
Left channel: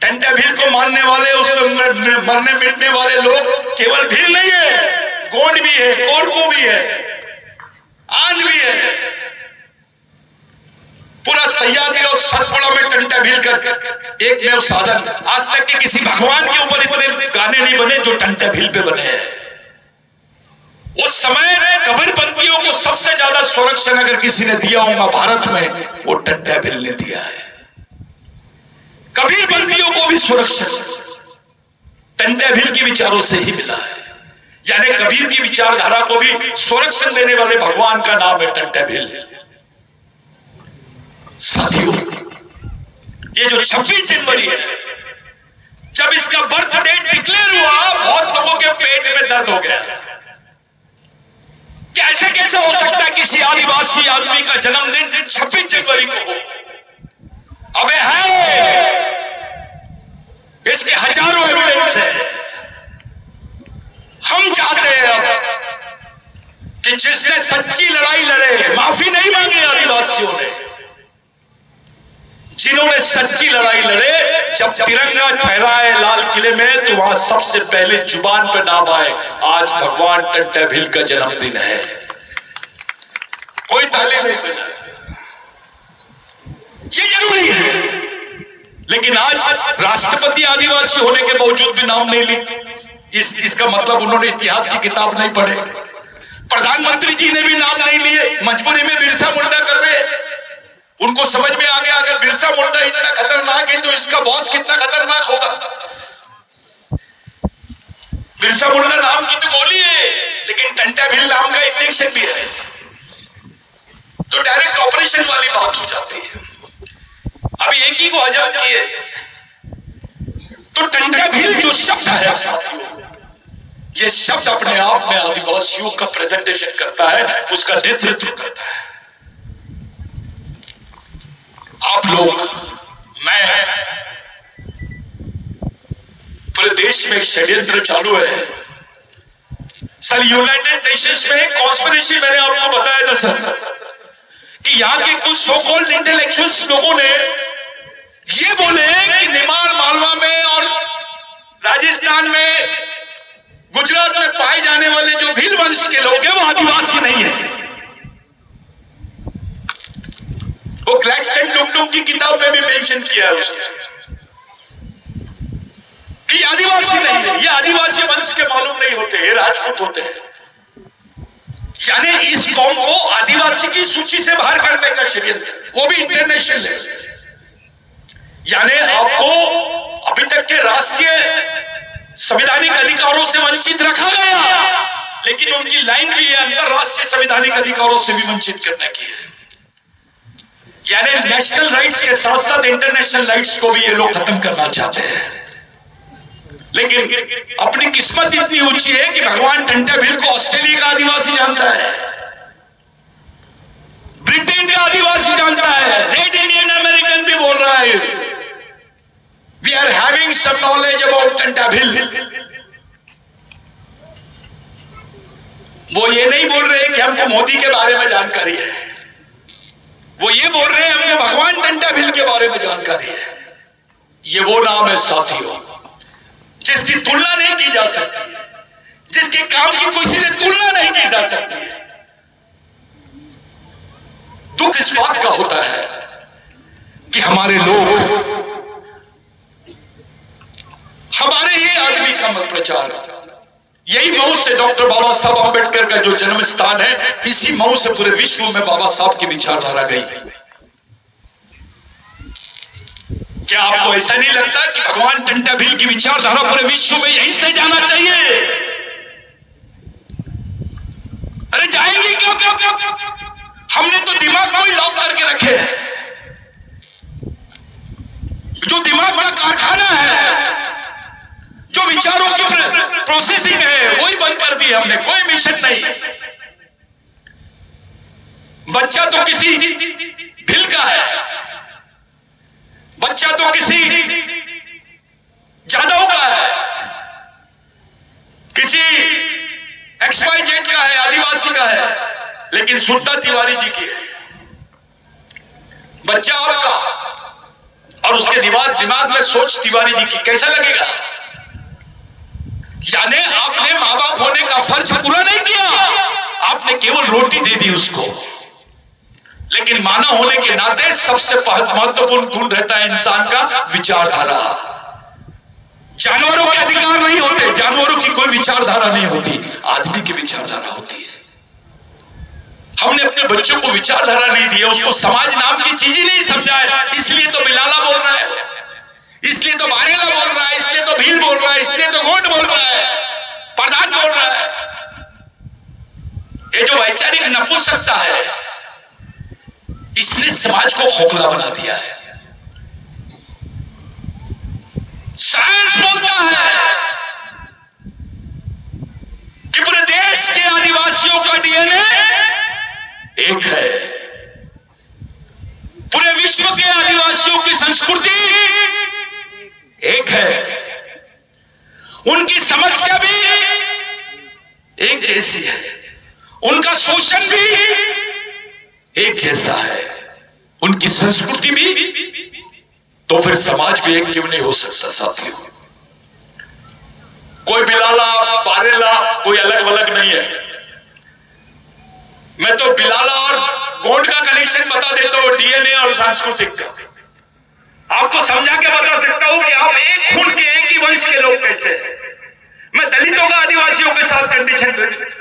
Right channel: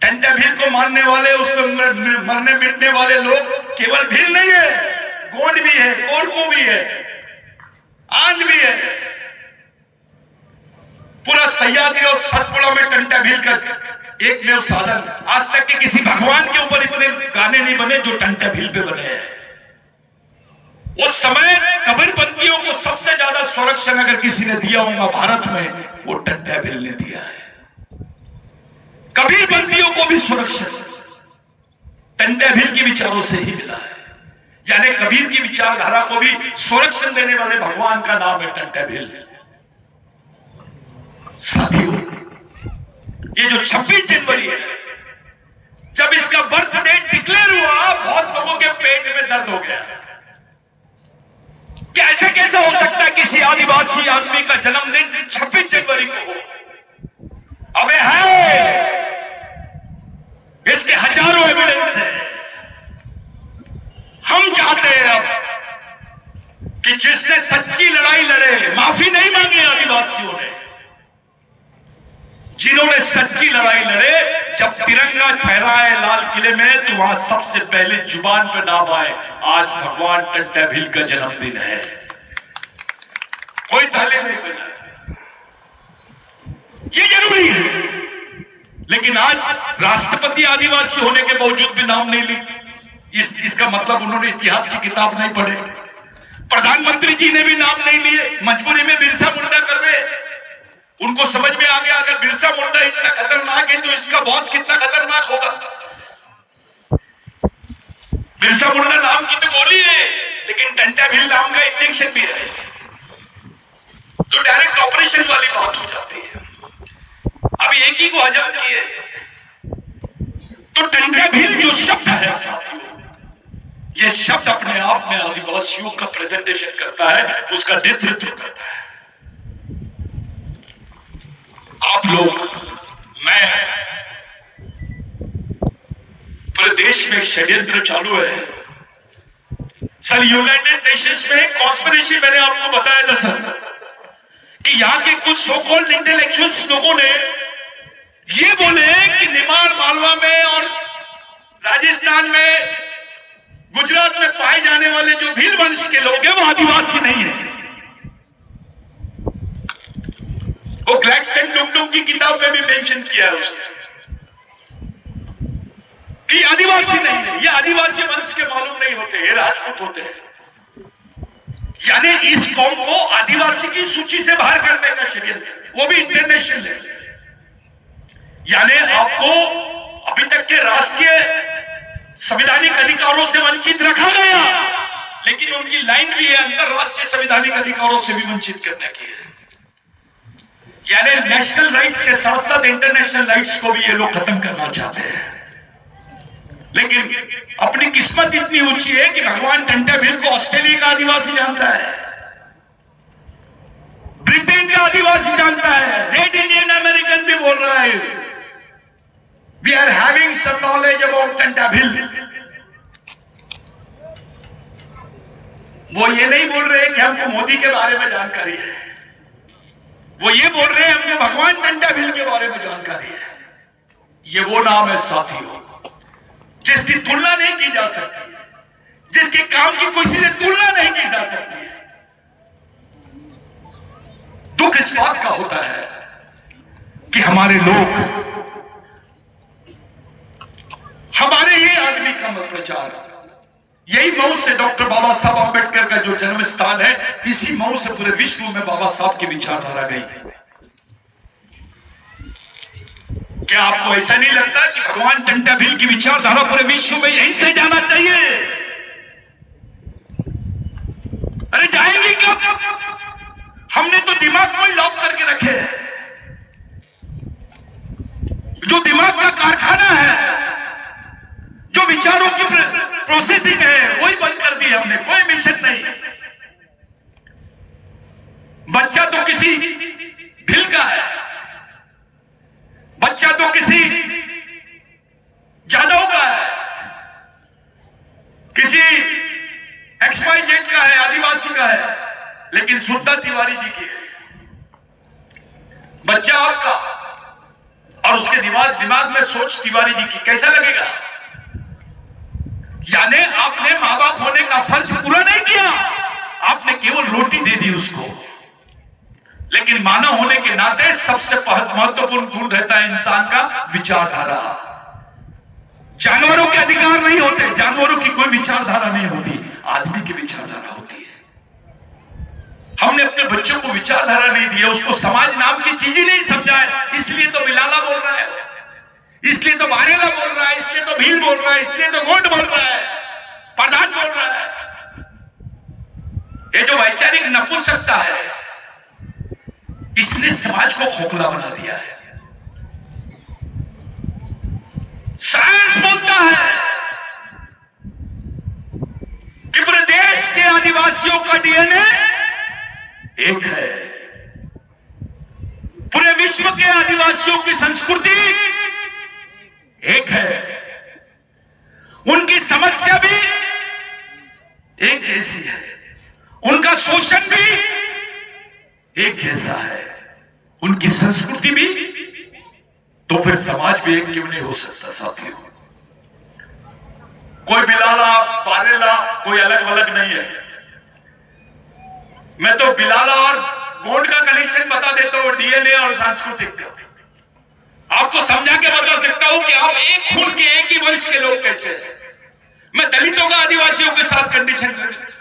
टंटा भील को मानने वाले, उसमें मरने मिटने वाले लोग केवल भील नहीं है, गोंड भी है, कोरको भी है, आंध भी है। पूरा सह्याद्री और सतपुड़ा में टंटा भील कर एक में साधन। आज तक के किसी भगवान के ऊपर इतने गाने नहीं बने जो टंटा भील पे बने हैं। उस समय कबीरपंथियों को सबसे ज्यादा संरक्षण अगर किसी ने दिया होगा भारत में, वो टंटा भील ने दिया है। कबीरपंथियों को भी सुरक्षित टंटा भील के विचारों से ही मिला है। यानी कबीर की विचारधारा को भी संरक्षण देने वाले भगवान का नाम है टंटा भील। साथियों, ये जो 26 जनवरी है, जब इसका बर्थ डेट डिक्लेयर हुआ, बहुत लोगों के पेट में दर्द हो गया। क्या ऐसे कैसे हो सकता है किसी आदिवासी आदमी का जन्मदिन 26 जनवरी को हो? अबे है, इसके हजारों एविडेंस है। हम चाहते हैं अब कि जिसने सच्ची लड़ाई लड़े, माफी नहीं मांगी आदिवासियों ने, जिन्होंने सच्ची लड़ाई लड़े, जब तिरंगा फहराए लाल किले में, तो वहां सबसे पहले जुबान पे नाम आए, आज भगवान टंटा भील का जन्मदिन है। कोई ताले नहीं बजा, ये जरूरी है। लेकिन आज राष्ट्रपति आदिवासी होने के बावजूद भी नाम नहीं ली। इसका मतलब उन्होंने इतिहास की किताब नहीं पढ़े। प्रधानमंत्री जी ने भी नाम नहीं लिए, मजबूरी में बिरसा मुंडा कर रहे। उनको समझ में आ गया अगर बिरसा मुंडा इतना खतरनाक है तो इसका बॉस कितना खतरनाक होगा। बिरसा मुंडा नाम की तो गोली है, लेकिन टंटा भील नाम का इंजेक्शन भी है, तो डायरेक्ट ऑपरेशन वाली बात हो जाती है। अभी एक ही को हजम किए, तो टंटा भील जो शब्द है साथियों, ये शब्द अपने आप में आदिवासियों का प्रेजेंटेशन करता है, उसका नेतृत्व करता है। आप लोग, मैं, पूरे देश में षड्यंत्र चालू है सर। यूनाइटेड नेशंस में एक कॉन्स्पिरेसी मैंने आपको बताया था सर, कि यहां के कुछ सो कॉल्ड इंटेलेक्चुअल्स लोगों ने ये बोले कि निमाड़ मालवा में और राजस्थान में, गुजरात में पाए जाने वाले जो भील वंश के लोग हैं वो आदिवासी नहीं है। वो ग्लैडस्टोन डुगडुग की किताब में भी मेंशन किया है उसने कि आदिवासी नहीं है, ये आदिवासी वंश के मालूम नहीं होते, ये राजपूत होते हैं। यानी इस कौम को आदिवासी की सूची से बाहर करने का षड्यंत्र, वो भी इंटरनेशनल लेवल। यानी आपको अभी तक के राष्ट्रीय संवैधानिक अधिकारों से वंचित रखा गया, लेकिन उनकी लाइन भी है अंतरराष्ट्रीय संवैधानिक अधिकारों से भी वंचित करने की है। यानी नेशनल राइट्स के साथ साथ इंटरनेशनल राइट्स को भी ये लोग खत्म करना चाहते हैं। लेकिन अपनी किस्मत इतनी ऊंची है कि भगवान टंटा भील को ऑस्ट्रेलिया का आदिवासी जानता है, ब्रिटेन का आदिवासी जानता है, रेड इंडियन अमेरिकन भी बोल रहा है we are having some knowledge about Tantya Bhil. वो ये नहीं बोल रहे कि हमको मोदी के बारे में जानकारी है, वो ये बोल रहे हैं हमको भगवान टंटा भील के बारे में जानकारी है। ये वो नाम है साथियों जिसकी तुलना नहीं की जा सकती है, जिसके काम की किसी से तुलना नहीं की जा सकती है। दुख इस बात का होता है कि हमारे लोग हमारे ही आदमी का मत प्रचार, यही मऊ से डॉक्टर बाबा साहब अम्बेडकर का जो जन्म स्थान है, इसी मऊ से पूरे विश्व में बाबा साहब की विचारधारा गई। क्या आपको ऐसा नहीं लगता कि भगवान टंटा भील की विचारधारा पूरे विश्व में यहीं से जाना चाहिए? अरे जाएंगे क्या? हमने तो दिमाग को लॉक करके रखे हैं, जो दिमाग का कारखाना है, जो विचारों की प्रोसेसिंग है, वही बंद कर दी हमने। कोई मिशन नहीं। बच्चा तो किसी भील का है, बच्चा तो किसी जादव का है, किसी XYZ का है, आदिवासी का है, लेकिन सुनता तिवारी जी की है। बच्चा आपका और उसके दिमाग में सोच तिवारी जी की, कैसा लगेगा? यानी आपने मां बाप होने का फर्ज पूरा नहीं किया, आपने केवल रोटी दे दी उसको। लेकिन मानव होने के नाते सबसे महत्वपूर्ण गुण रहता है इंसान का विचारधारा। जानवरों के अधिकार नहीं होते, जानवरों की कोई विचारधारा नहीं होती, आदमी की विचारधारा होती है। हमने अपने बच्चों को विचारधारा नहीं दी है, उसको समाज नाम की चीज ही नहीं समझा है। इसलिए तो बिलाला बोल रहा है, इसलिए तो बारेला बोल रहा है, इसलिए तो भील बोल रहा है, इसलिए तो गोंड बोल रहा है, प्रधान बोल रहा है। ये जो वैचारिक नपुंसकता है, इसने समाज को खोखला बना दिया है। साइंस बोलता है कि पूरे देश के आदिवासियों का DNA एक है, पूरे विश्व के आदिवासियों की संस्कृति एक है, उनकी समस्या भी एक जैसी है, उनका शोषण भी एक जैसा है, उनकी संस्कृति भी। तो फिर समाज भी एक क्यों नहीं हो सकता साथियों? कोई बिलाला बारेला कोई अलग अलग नहीं है। मैं तो बिलाला और गोंड का कनेक्शन बता देता हूं, DNA और सांस्कृतिक का। आपको समझा के बता सकता हूं कि आप एक खून के एक ही वंश के लोग कैसे हैं। मैं दलितों का आदिवासियों के साथ कंडीशन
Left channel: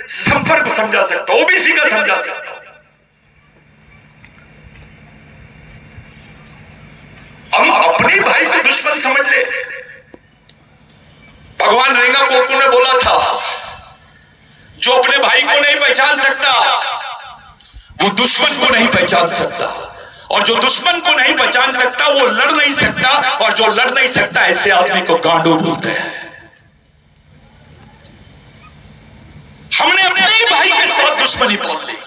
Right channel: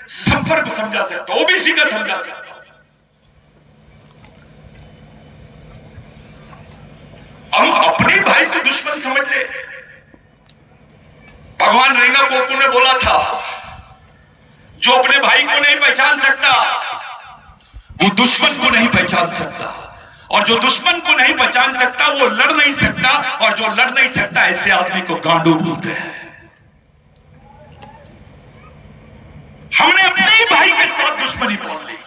संपर्क समझा सकता हूं, OBC का समझा सकता हूं। हम अपने भाई को दुश्मन समझ ले। भगवान रेंगा पोपू ने बोला था, जो अपने भाई को नहीं पहचान सकता वो दुश्मन को नहीं पहचान सकता, और जो दुश्मन को नहीं पहचान सकता वो लड़ नहीं सकता, और जो लड़ नहीं सकता ऐसे आदमी को गांडू बोलते हैं। हमने अपने ही भाई के साथ दुश्मनी बोल ली।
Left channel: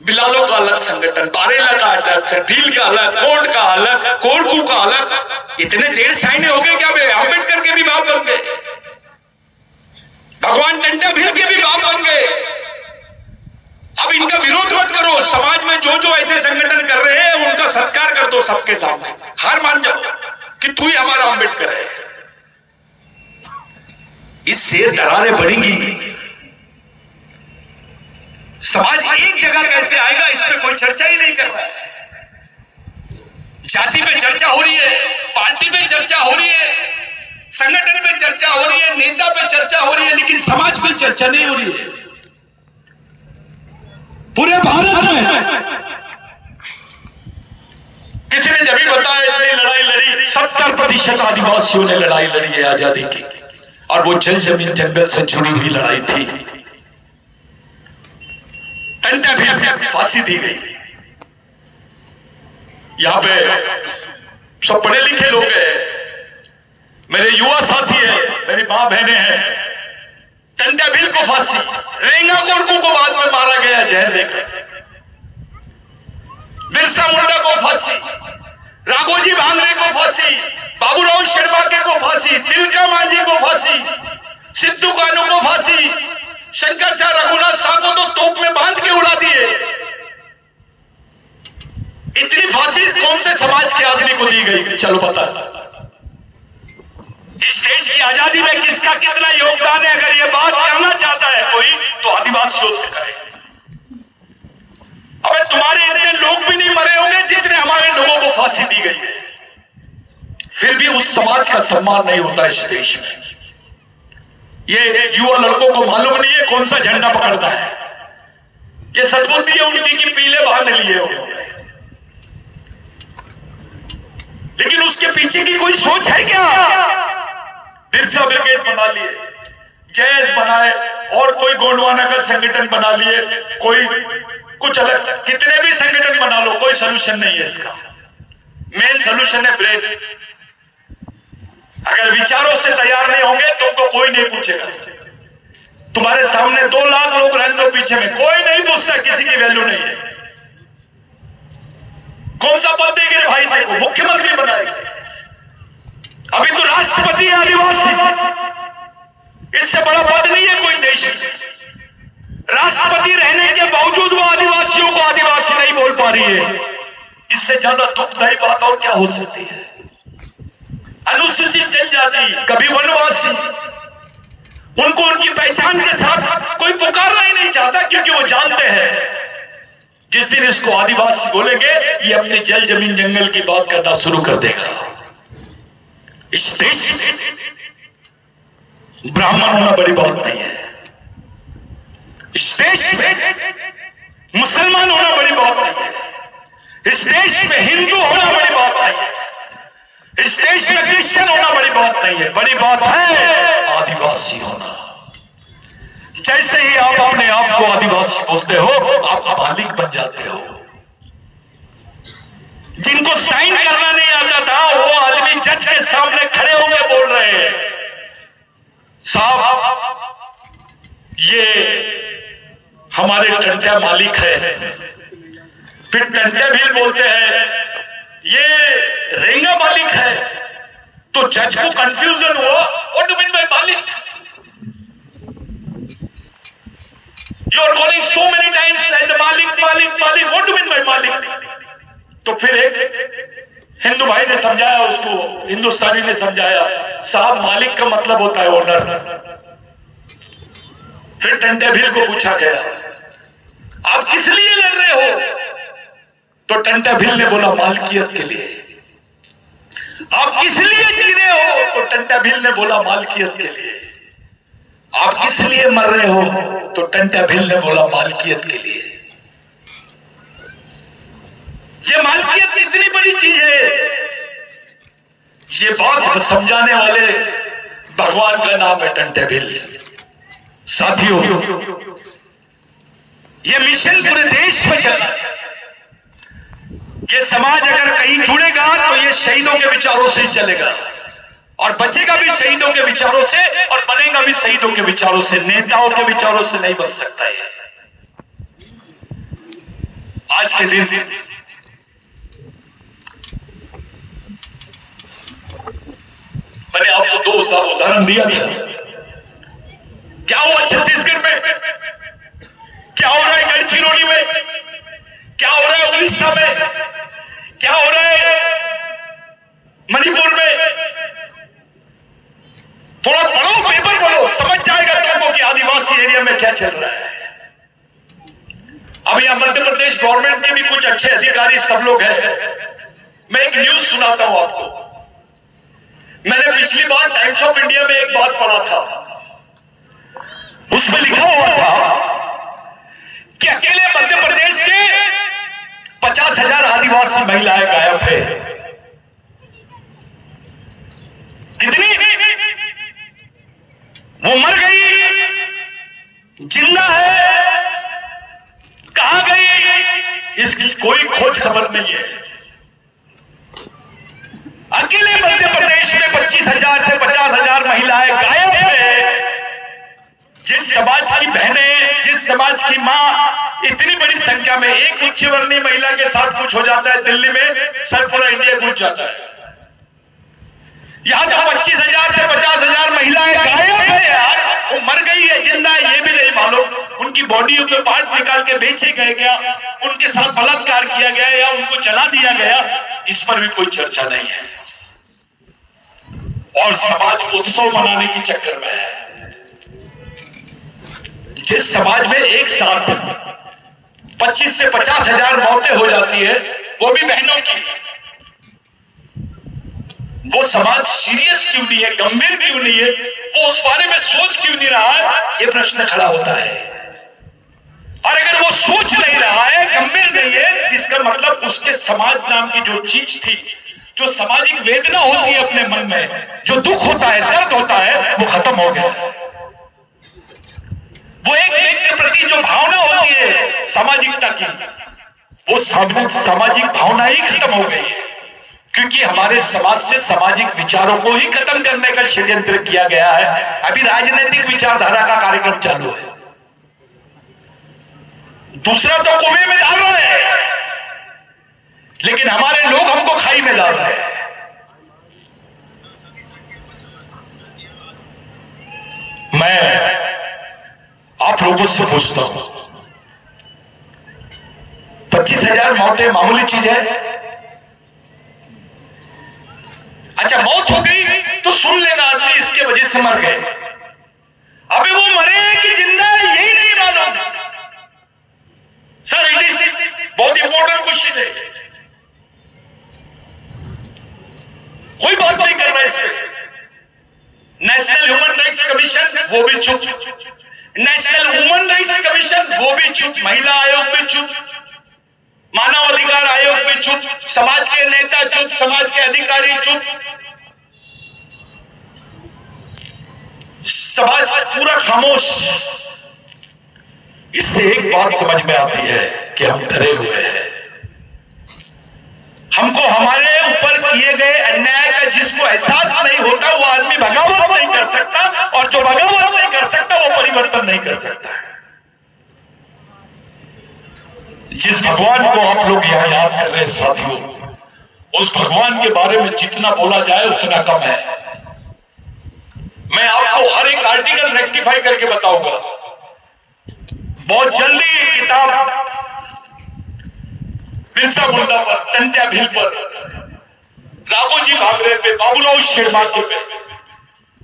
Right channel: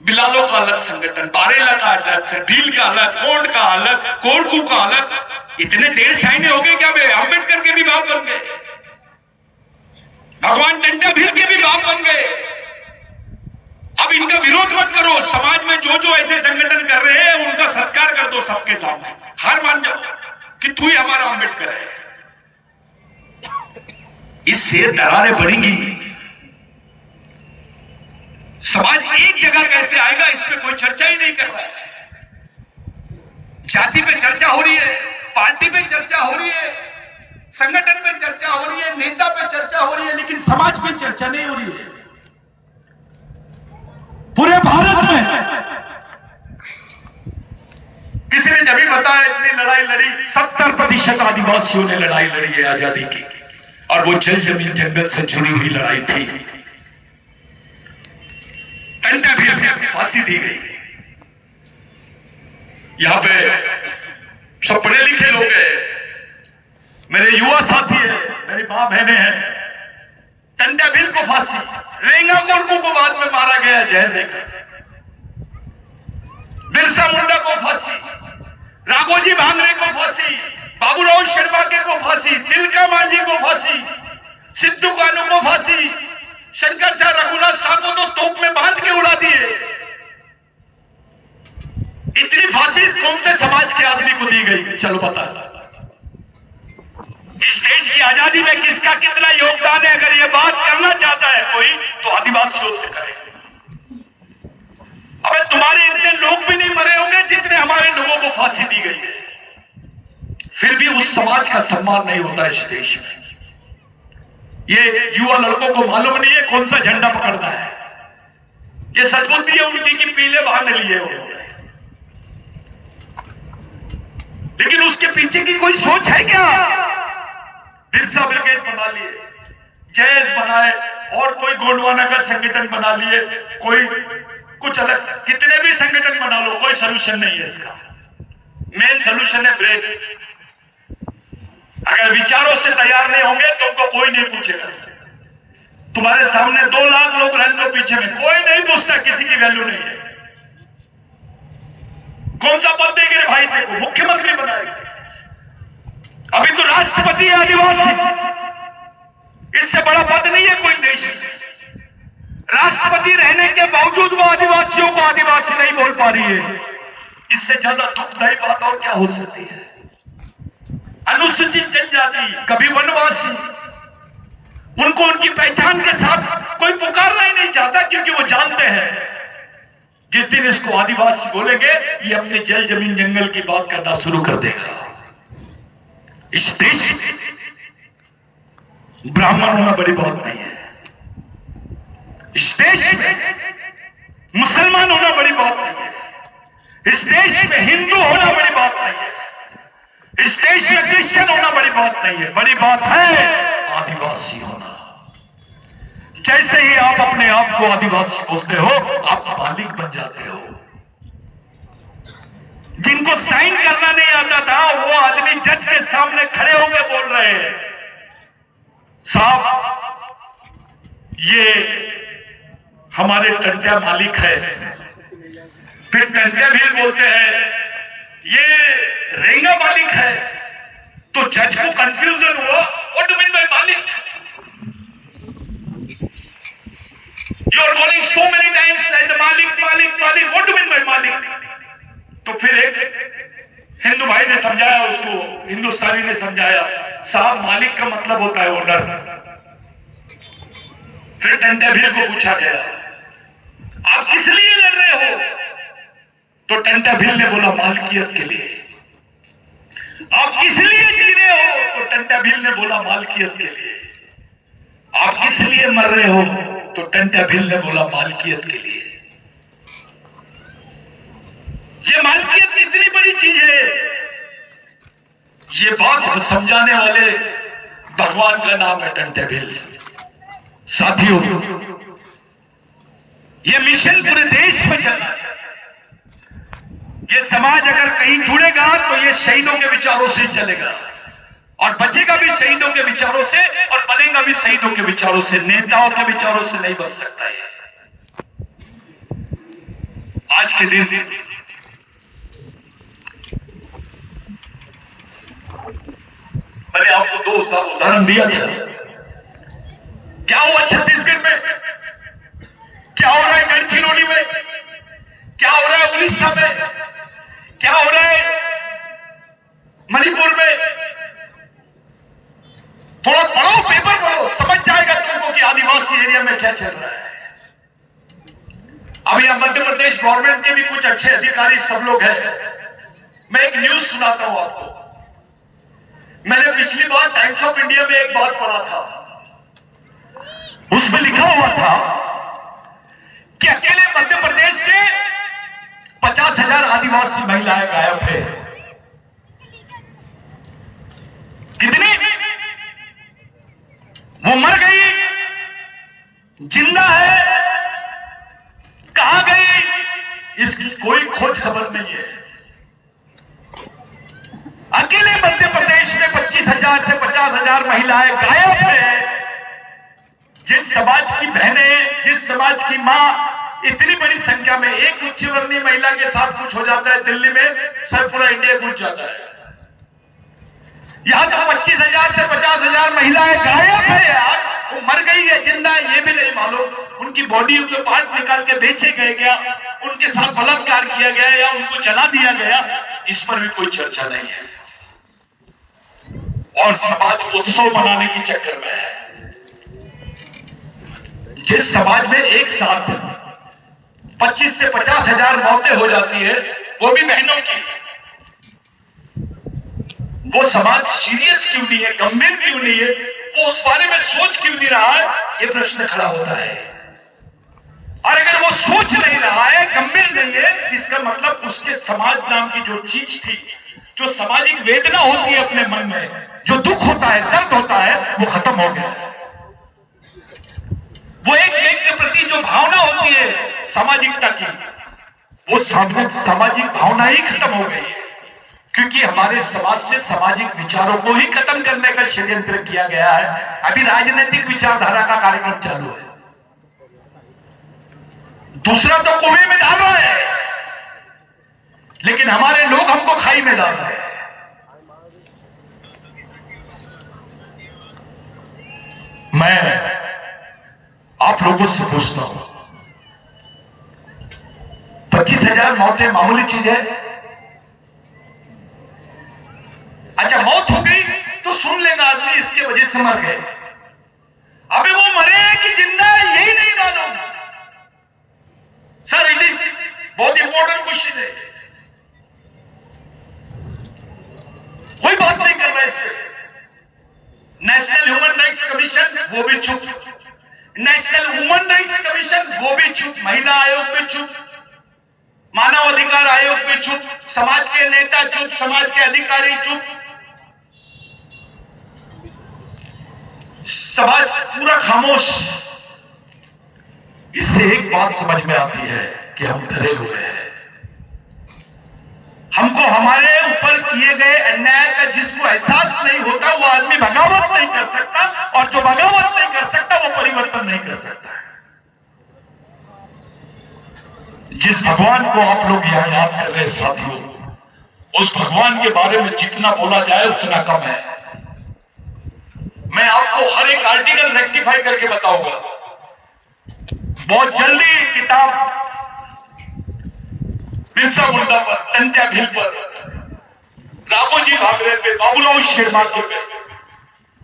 बिलालों का अलग संगठन, बारेला का अलग, भील का अलग, कोंड का अलग, कोरकू का अलग। इतने देर शाइने हो गए क्या? अम्बेडकर के भी बाप बन गए, भगवान टंटा भील के भी बाप बन गए। अब इनका विरोध मत करो। समाज में जो जो ऐसे संगठन कर रहे हैं उनका सत्कार कर दो सबके सामने। हार मान जाओ कि तू ही हमारा अम्बेडकर है। इससे दरारें बढ़ेंगी। समाज एक जगह कैसे आएगा इस पे कोई चर्चा ही नहीं कर रहा है। जाति पे चर्चा हो रही है, पार्टी पे चर्चा हो रही है, संगठन पे चर्चा हो रही है, नेता पे चर्चा हो रही है, लेकिन समाज पे चर्चा नहीं हो रही है। पूरे भारत में किसी ने जब भी बताया इतनी लड़ाई लड़ी, 70% आदिवासियों ने लड़ाई लड़ी है आजादी की, और वो जल जमीन जंगल से जुड़ी हुई लड़ाई थी। टंटा भी फांसी दी गई। यहां पे सब पढ़े लिखे लोग हैं। मेरे युवा साथी है, मेरी मां बहनें हैं, टंटा भील को फांसी, रेंगा कोरकू को बाद में मारा गया जहर देकर, बिरसा मुंडा को फांसी, राघोजी भांगरे को फांसी, बाबूराव शिरवाके को फांसी, तिलका मांझी को फांसी, सिद्धू कानू को फांसी, शंकर शाह रघुनाथ शाह को तो तोप में बांध के उड़ा दिए। इतनी फांसी कौन से समाज के आदमी को दी गई? चलो बता, इस देश की आजादी में किसका कितना योगदान है? अगर ये बात करना चाहता है कोई तो आदिवासियों से करे। अबे तुम्हारे इतने लोग भी नहीं मरे होंगे जितने हमारे लोगों को फांसी दी गई है, फिर भी उस समाज का सम्मान नहीं होता इस देश में। ये युवा लड़कों को मालूम नहीं है कौन सा झंडा पकड़ना है। ये सदबुद्धि है उनकी कि पीले बांध लिए उन्होंने, लेकिन उसके पीछे की कोई सोच है क्या? बिरसा ब्रिगेड बना लिए, जयस बनाए, और कोई गोंडवाना का संगठन बना लिए, कोई कुछ अलग, कितने भी संगठन बना लो, कोई सोल्यूशन नहीं है इसका। मेन सोल्यूशन है ब्रेन। अगर विचारों से तैयार नहीं होंगे तो उनको कोई नहीं पूछेगा। तुम्हारे सामने 2 लाख लोग रन लो पीछे में, कोई नहीं पूछता, किसी की वैल्यू नहीं है। कौन सा पद देंगे भाई? देखो, मुख्यमंत्री बनाएगा, अभी तो राष्ट्रपति है आदिवासी, इससे बड़ा पद नहीं है कोई देश। राष्ट्रपति रहने के बावजूद वो आदिवासियों को आदिवासी नहीं बोल पा रही है। इससे ज्यादा दुखदायी बात और क्या हो सकती है? अनुसूचित जनजाति, कभी वनवासी, उनको उनकी पहचान के साथ कोई पुकारना ही नहीं चाहता, क्योंकि वो जानते हैं जिस दिन इसको आदिवासी बोलेंगे ये अपने जल जमीन जंगल की बात करना शुरू कर देगा। इस देश में ब्राह्मण होना बड़ी बात नहीं है, इस देश में मुसलमान होना बड़ी बात नहीं है, इस देश में हिंदू होना बड़ी बात नहीं है, इस देश में क्रिश्चियन होना बड़ी बात नहीं है। बड़ी बात है आदिवासी होना। जैसे ही आप अपने आप को आदिवासी बोलते हो, आप मालिक बन जाते हो। जिनको साइन करना नहीं आता था वो आदमी जज के सामने खड़े हुए बोल रहे हैं, साहब ये हमारे टंटा मालिक है। फिर टंटा भी बोलते हैं ये रेंगा मालिक है, तो जज को कंफ्यूजन हुआ, व्हाट डू मीन बाय मालिक? You are calling so many times मालिक मालिक मालिक, व्हाट डू मीन बाय मालिक? तो फिर एक हिंदू भाई ने समझाया उसको, हिंदुस्तानी ने समझाया, साहब मालिक का मतलब होता है ओनर। फिर टंटा भील को पूछा गया आप किस लिए लड़ रहे हो? तो टंटा भील ने बोला मालकियत के लिए। आप किस लिए जी रहे हो? तो टंटा भील ने बोला मालकियत के लिए। आप किस लिए मर रहे हो? तो टंटा भील ने बोला मालकियत के लिए। ये मालकियत कितनी बड़ी चीज है, ये बात समझाने वाले भगवान का नाम है टंटा भील। साथियों, ये मिशन पूरे देश में चलना चाहिए। ये समाज अगर कहीं जुड़ेगा तो ये शहीदों के विचारों से ही चलेगा, और बचेगा भी शहीदों के विचारों से, और बनेगा भी शहीदों के विचारों से, नेताओं के विचारों से नहीं बच सकता है। आज के दिन मैंने आपको 2 उदाहरण दिया था। क्या हुआ छत्तीसगढ़ में, क्या हो रहा है गढ़चिरौली में, क्या हो रहा है उड़ीसा में, क्या हो रहा है मणिपुर में? थोड़ा पढ़ो, पेपर पढ़ो, समझ जाएगा तुमको कि आदिवासी एरिया में क्या चल रहा है। अब यहां मध्य प्रदेश गवर्नमेंट के भी कुछ अच्छे अधिकारी सब लोग हैं। मैं एक न्यूज सुनाता हूं आपको। मैंने पिछली बार टाइम्स ऑफ इंडिया में एक बात पढ़ा था, उसमें लिखा हुआ था कि अकेले मध्य प्रदेश से 50,000 आदिवासी महिलाएं गायब है। कितनी? वो मर गई, जिंदा है, कहां गई, इसकी कोई खोज खबर नहीं है। अकेले मध्य प्रदेश देश में 25,000 से 50,000 महिलाएं गायब है। जिस समाज की बहनें, जिस समाज की माँ इतनी बड़ी संख्या में, एक उच्च वर्णीय महिला के साथ कुछ हो जाता है दिल्ली में, सर पूरा इंडिया गूंज जाता है। यहां तो 25,000 से 50,000 महिलाएं गायब है यार। वो मर गई है, जिंदा है, ये भी नहीं मालूम। उनकी बॉडियों के पार्ट निकाल के बेचे गए क्या, उनके साथ बलात्कार किया गया या उनको जला दिया गया, इस पर भी कोई चर्चा नहीं है। और समाज उत्सव मनाने के चक्कर में है। जिस समाज में एक साथ 25 से 50,000 मौतें हो जाती है, वो भी बहनों की, वो समाज सीरियस क्यों नहीं है, गंभीर क्यों नहीं है, वो उस बारे में सोच क्यों नहीं रहा है, ये प्रश्न खड़ा होता है। और अगर वो सोच नहीं रहा है, गंभीर नहीं है, इसका मतलब उसके समाज नाम की जो चीज थी, जो सामाजिक वेदना होती है अपने मन में, जो दुख होता है, दर्द होता है, वो खत्म हो गया। वो एक के प्रति जो भावना होती है सामाजिकता की, वो सामाजिक भावना ही खत्म हो गई है। क्योंकि हमारे समाज से सामाजिक विचारों को ही खत्म करने का षड्यंत्र किया गया है। अभी राजनीतिक विचारधारा का कार्यक्रम चालू है, दूसरा तो कुएं में डाल रहा है, लेकिन हमारे लोग हमको खाई में डाल रहे हैं। मैं आप लोगों से पूछता हूं, 25,000 मौतें मामूली चीज है? अच्छा, मौत हो गई तो सुन लेना आदमी इसके वजह से मर गए। अबे वो मरे कि जिंदा, यही नहीं मालूम। सर, इट इज बहुत इंपॉर्टेंट क्वेश्चन है, कोई बात नहीं कर रहा इस पे। नेशनल ह्यूमन राइट्स कमीशन, वो भी चुप। नेशनल वुमेन राइट्स कमीशन, वो भी चुप। महिला आयोग भी चुप। मानव अधिकार आयोग भी चुप। समाज के नेता चुप, समाज के अधिकारी चुप, समाज पूरा खामोश। इससे एक बात समझ में आती है कि हम डरे हुए हैं। हमको हमारे ऊपर किए गए अन्याय का जिसको एहसास नहीं होता, वो आदमी बगावत नहीं कर सकता, और जो बगावत नहीं कर सकता वो परिवर्तन नहीं कर सकता। जिस भगवान को आप लोग यहां याद कर रहे हैं साथियों, उस भगवान के बारे में जितना बोला जाए उतना कम है। मैं आपको हर एक आर्टिकल रेक्टिफाई करके बताऊंगा। बहुत जल्दी किताब बिरसा मुंडा पर, टंट्या भील पर, राघोजी भांगरे पे, बाबूराव शिरमाके पे,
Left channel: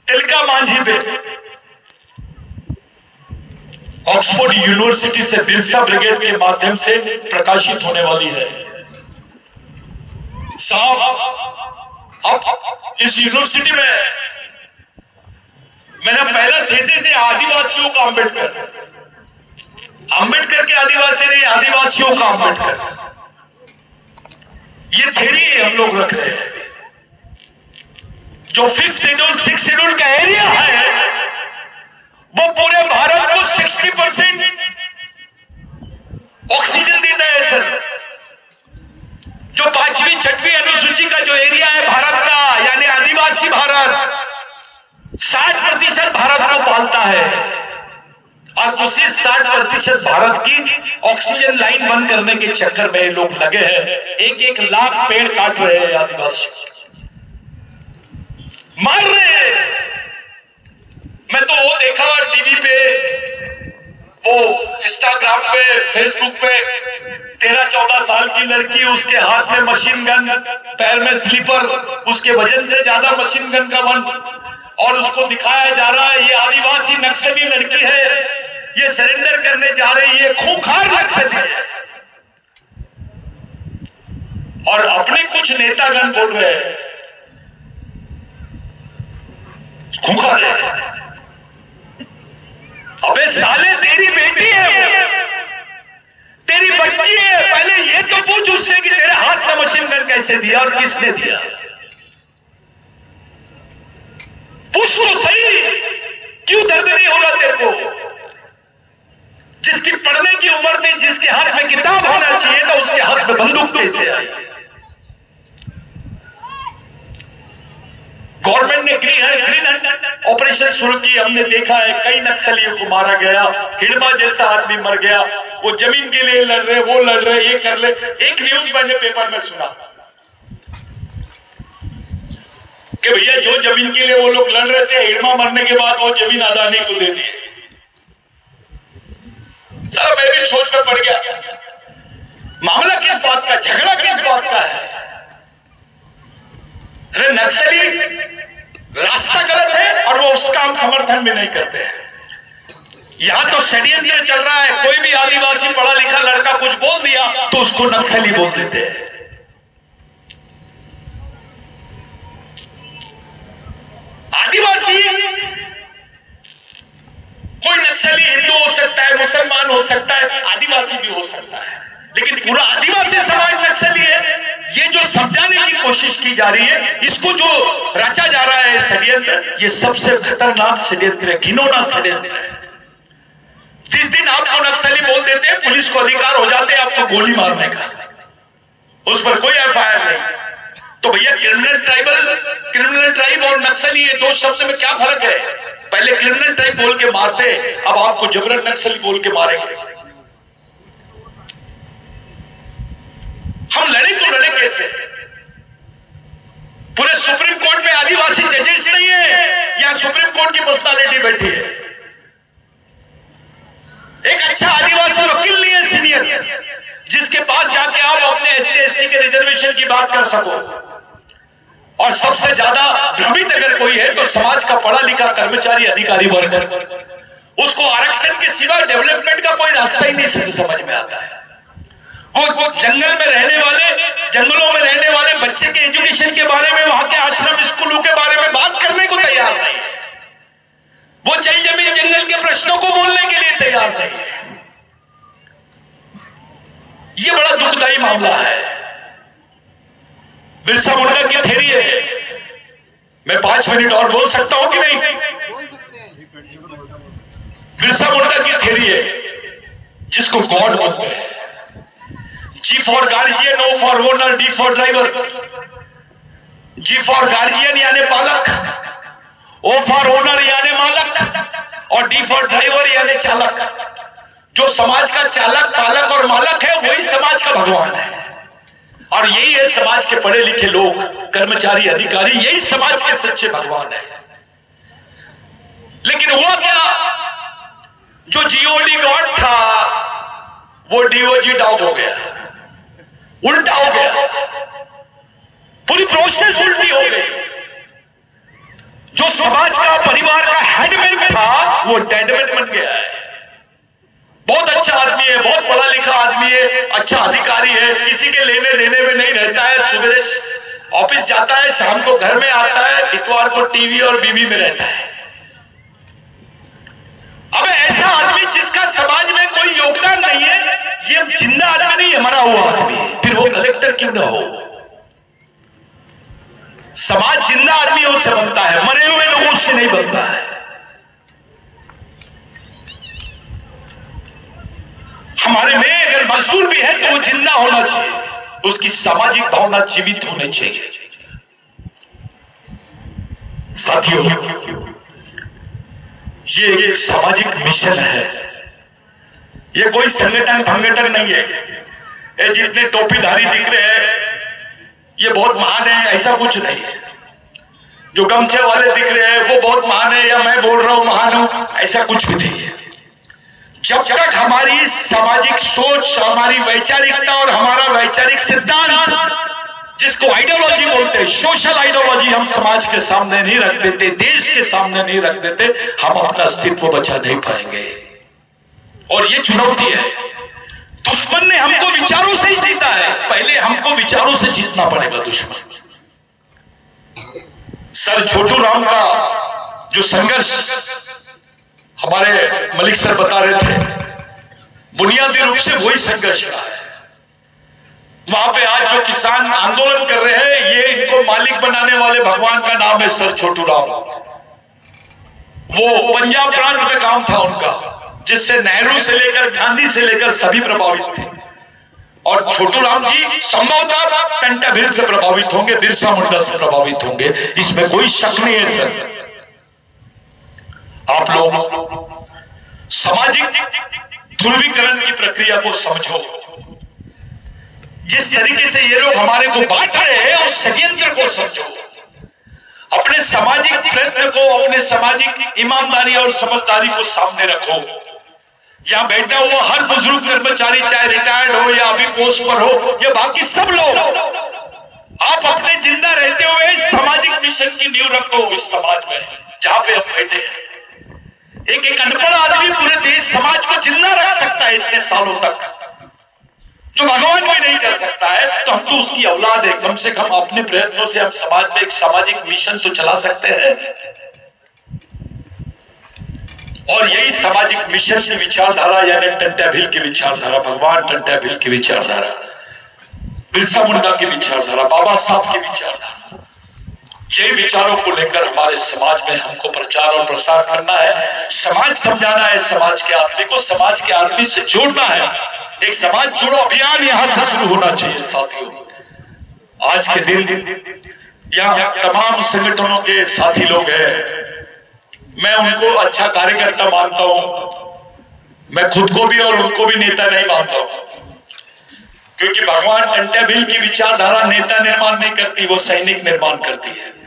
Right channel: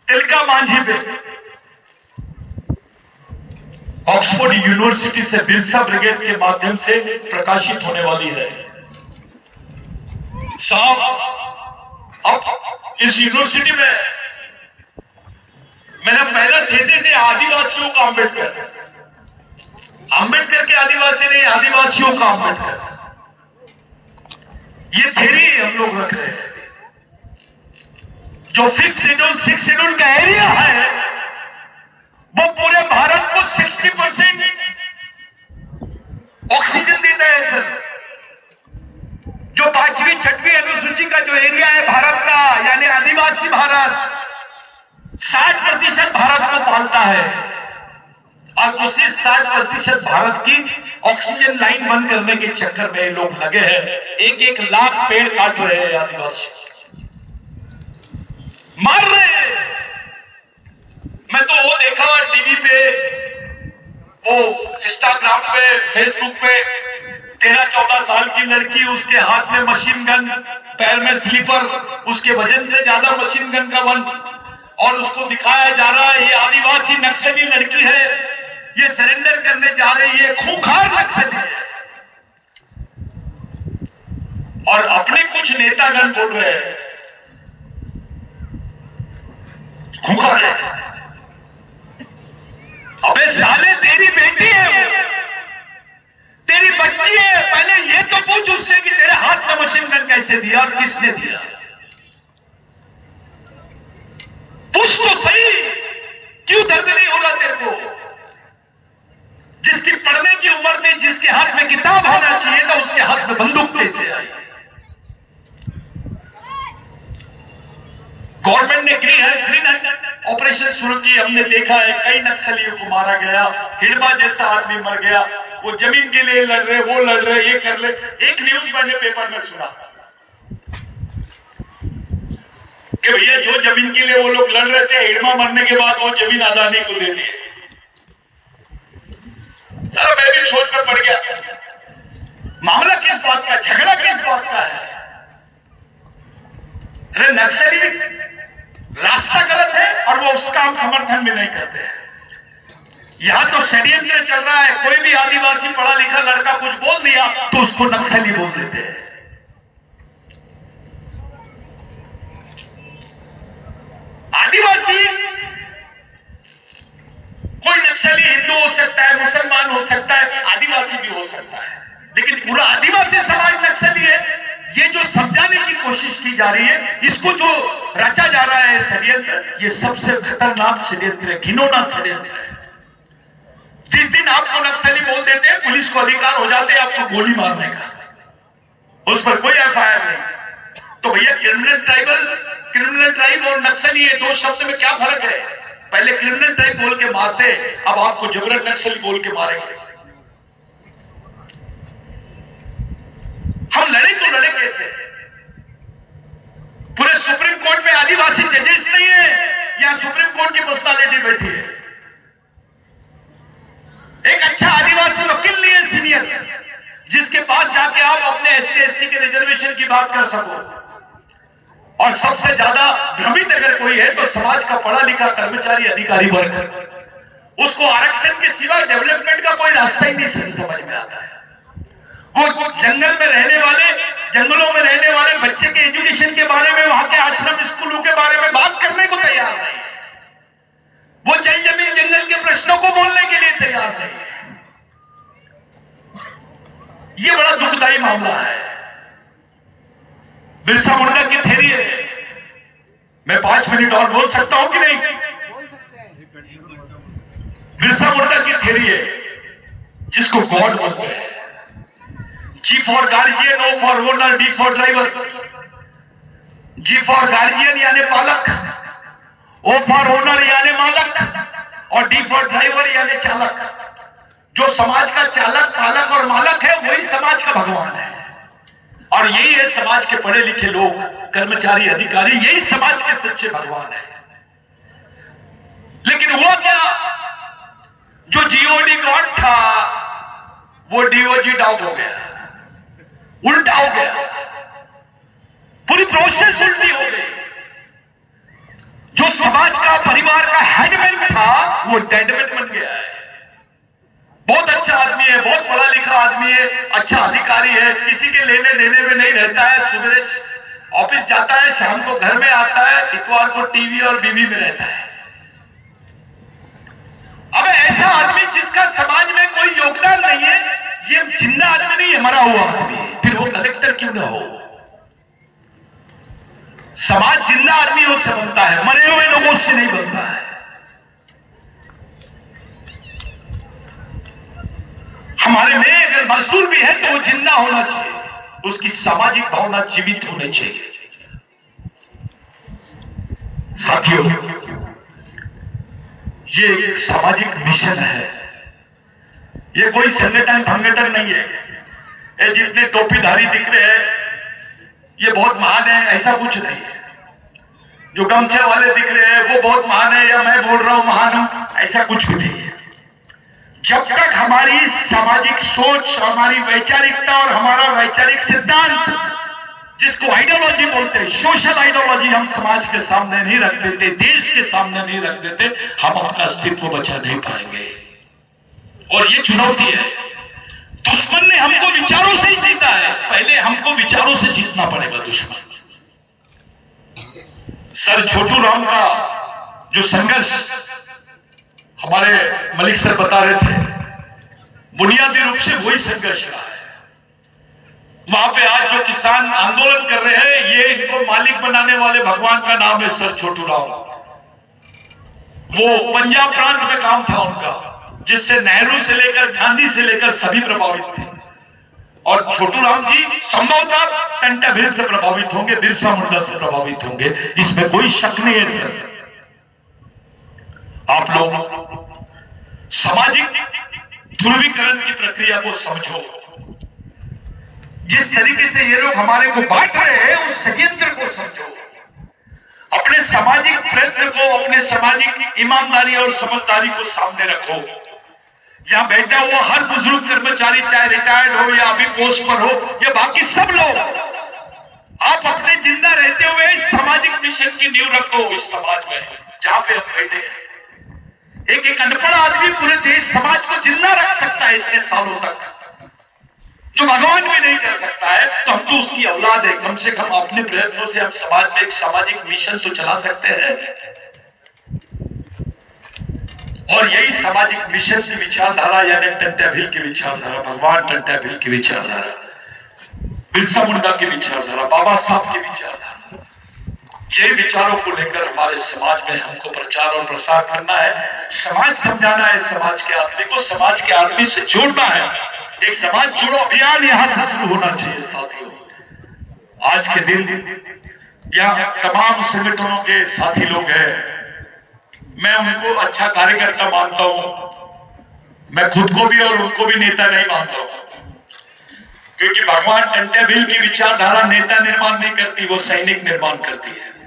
तिलका मांझी पे, ऑक्सफोर्ड यूनिवर्सिटी से बिरसा ब्रिगेड के माध्यम से प्रकाशित होने वाली है। साहब, अब इस यूनिवर्सिटी में मेरा पहला थीसिस है आदिवासियों का अंबेडकर। अंबेडकर के आदिवासी नहीं, आदिवासियों का अंबेडकर। ये थ्योरी हम लोग रख रहे हैं। जो 5th शेड्यूल 6th शेड्यूल का एरिया है, वो पूरे भारत को 60% ऑक्सीजन देता है सर। जो 5वीं 6वीं अनुसूची का जो एरिया है भारत का, यानी आदिवासी भारत, 60% भारत को पालता है। और उसी 60% भारत की ऑक्सीजन लाइन बंद करने के चक्कर में लोग लगे हैं। 1-1 लाख पेड़ काट रहे हैं, आदिवासी मार रहे हैं। मैं तो वो देखा टीवी पे, वो इंस्टाग्राम पे, फेसबुक पे, 13-14 साल की लड़की, उसके हाथ में मशीन गन, पैर में स्लीपर, उसके वजन से ज्यादा मशीन गन का बन, और उसको दिखाया जा रहा है ये आदिवासी नक्सली लड़की है, ये सरेंडर करने जा रही है, खूंखार नक्सली है। और अपने कुछ नेतागण बोल रहे हैं खूंखार है। अबे साले, तेरी बेटी है वो, तेरी बच्ची है। पहले ये तो पूछ उससे कि तेरे हाथ में मशीन गन कैसे दिया और किसने दिया। पूछ तो सही, क्यों दर्द नहीं हो रहा तेरे को? जिसकी पढ़ने की उम्र थी, जिसके हाथ में किताब होना चाहिए था, उसके हाथ में बंदूक कैसे आई? गवर्नमेंट ने ग्रीन ऑपरेशन शुरू की। हमने देखा है कई नक्सलियों को मारा गया, हिडमा जैसा आदमी मर गया। वो जमीन के लिए लड़ रहे, वो लड़ रहे, ये कर ले। एक न्यूज मैंने पेपर में सुना कि भैया जो जमीन के लिए वो लोग लड़ रहे थे, हिडमा मरने के बाद वो जमीन अदानी को दे दी। सर मैं भी सोच में पड़ गया, मामला किस बात का, झगड़ा किस बात का है? अरे नक्सली रास्ता गलत है और वो उसका हम समर्थन भी नहीं करते हैं। यहां तो षड्यंत्र चल रहा है। कोई भी आदिवासी पढ़ा लिखा लड़का कुछ बोल दिया तो उसको नक्सली बोल देते हैं। आदिवासी कोई नक्सली हिंदू हो सकता है, मुसलमान हो सकता है, आदिवासी भी हो सकता है, लेकिन पूरा आदिवासी समाज नक्सली है, ये जो समझाने की कोशिश की जा रही है, इसको जो रचा जा रहा है षड्यंत्र, ये सबसे खतरनाक षड्यंत्र है, घिनौना षड्यंत्र है। जिस दिन आपको नक्सली बोल देते हैं, पुलिस को अधिकार हो जाते हैं आपको गोली मारने का, उस पर कोई एफआईआर नहीं। तो भैया क्रिमिनल ट्राइब और नक्सली, ये दो शब्द में क्या फर्क है? पहले क्रिमिनल ट्राइब बोल के मारते, अब आपको जबरन नक्सली बोल के मारेंगे। हम लड़े तो लड़े कैसे? पूरे सुप्रीम कोर्ट में आदिवासी जजेस नहीं है, यहां सुप्रीम कोर्ट की पर्सनालिटी बैठी है। एक अच्छा आदिवासी वकील नहीं है सीनियर, जिसके पास जाके आप अपने SC ST के रिजर्वेशन की बात कर सको। और सबसे ज्यादा भ्रमित अगर कोई है तो समाज का पढ़ा लिखा कर्मचारी अधिकारी वर्ग, उसको आरक्षण के सिवा डेवलपमेंट का कोई रास्ता ही नहीं समझ में आता है। वो जंगलों में रहने वाले बच्चे के एजुकेशन के बारे में, वहां के आश्रम स्कूलों के बारे में बात करने को तैयार नहीं है। वो जल जमीन जंगल के प्रश्नों को बोलने के लिए तैयार नहीं है। ये बड़ा दुखदाई मामला है। बिरसा मुंडा की थ्योरी है। मैं 5 मिनट और बोल सकता हूं कि नहीं? बिरसा मुंडा की थ्योरी है, जिसको गॉड बोलते हैं। G for guardian, O for owner, D for driver. G for guardian यानी पालक, O फॉर ओनर यानी मालक, और D फॉर ड्राइवर यानी चालक। जो समाज का चालक, पालक और मालक है, वही समाज का भगवान है। और यही है समाज के पढ़े लिखे लोग, कर्मचारी अधिकारी, यही समाज के सच्चे भगवान है। लेकिन हुआ क्या, जो GOD गॉड था वो DOG डॉग हो गया, उल्टा हो गया। पूरी प्रोसेस उल्टी हो गई। जो समाज का, परिवार का हेडमैन था, वो डेडमैन बन गया है। बहुत अच्छा आदमी है, बहुत पढ़ा लिखा आदमी है, अच्छा अधिकारी है, किसी के लेने देने में नहीं रहता है। सुबह ऑफिस जाता है, शाम को घर में आता है, इतवार को टीवी और बीवी में रहता है। अब ऐसा आदमी जिसका समाज में कोई योगदान नहीं है, ये जिंदा आदमी नहीं है, मरा हुआ आदमी है। फिर वो कलेक्टर क्यों ना हो? समाज जिंदा आदमियों से बनता है, मरे हुए लोगों से नहीं बनता है। हमारे में अगर मजदूर भी है तो वो जिंदा होना चाहिए, उसकी सामाजिक भावना जीवित होनी चाहिए। साथियों, ये एक सामाजिक मिशन है, ये कोई संगठन नहीं है। ये जितने टोपीधारी दिख रहे हैं ये बहुत महान है, ऐसा कुछ नहीं है। जो गमछे वाले दिख रहे हैं वो बहुत महान है, या मैं बोल रहा हूं महान हूं, ऐसा कुछ भी नहीं है। जब तक हमारी सामाजिक सोच, हमारी वैचारिकता और हमारा वैचारिक सिद्धांत, जिसको आइडियोलॉजी बोलते हैं, सोशल आइडियोलॉजी, हम समाज के सामने नहीं रख देते, देश के सामने नहीं रख देते, हम अपना अस्तित्व बचा नहीं पाएंगे। और ये चुनौती है। दुश्मन ने हमको विचारों से ही जीता है, पहले हमको विचारों से जीतना पड़ेगा दुश्मन। सर छोटू राम का जो संघर्ष हमारे मलिक सर बता रहे थे, बुनियादी रूप से वही संघर्ष रहा है। वहां पे आज जो किसान आंदोलन कर रहे हैं, ये इनको मालिक बनाने वाले भगवान का नाम है सर छोटू राम। वो पंजाब प्रांत में काम था उनका, जिससे नेहरू से लेकर गांधी से लेकर सभी प्रभावित थे। और छोटू राम जी संभवतः पेंटाबिल से प्रभावित होंगे, बिरसा मुंडा से प्रभावित होंगे, इसमें कोई शक नहीं है सर। आप लोग सामाजिक ध्रुवीकरण की प्रक्रिया को समझो। जिस तरीके से ये लोग हमारे को बांट रहे हैं उस षड्यंत्र को समझो। अपने सामाजिक प्रयत्न को, अपने सामाजिक ईमानदारी और समझदारी को सामने रखो। या बैठा हुआ हर बुजुर्ग कर्मचारी, चाहे रिटायर्ड हो या अभी पोस्ट पर हो, या बाकी सब लोग, आप अपने जिंदा रहते हुए इस सामाजिक मिशन की नींव रखो। इस समाज में जहां पे हम बैठे हैं, एक अनपढ़ आदमी पूरे देश समाज को जिंदा रख सकता है इतने सालों तक, जो भगवान भी नहीं कर सकता है। तो हम तो उसकी औलाद है, कम से कम अपने प्रयत्नों से हम समाज में एक सामाजिक मिशन तो चला सकते हैं। और यही सामाजिक मिशन की विचारधारा, यानी टंट्याभिल की विचारधारा, भगवान टंट्याभिल की विचारधारा, बिरसा मुंडा की विचारधारा, बाबा साहब की विचारधारा, यही विचारों को लेकर हमारे समाज में हमको प्रचार और प्रसार करना है। समाज समझाना है, समाज के आदमी को समाज के आदमी से जोड़ना है। एक समाज जोड़ो अभियान यहां से शुरू होना चाहिए साथियों। आज के दिन यहाँ तमाम संगठनों के साथी लोग हैं, मैं उनको अच्छा कार्यकर्ता मानता हूं। मैं खुद को भी और उनको भी नेता नहीं मानता हूं, क्योंकि भगवान टंट्याभिल की विचारधारा नेता निर्माण नहीं करती, वो सैनिक निर्माण करती है।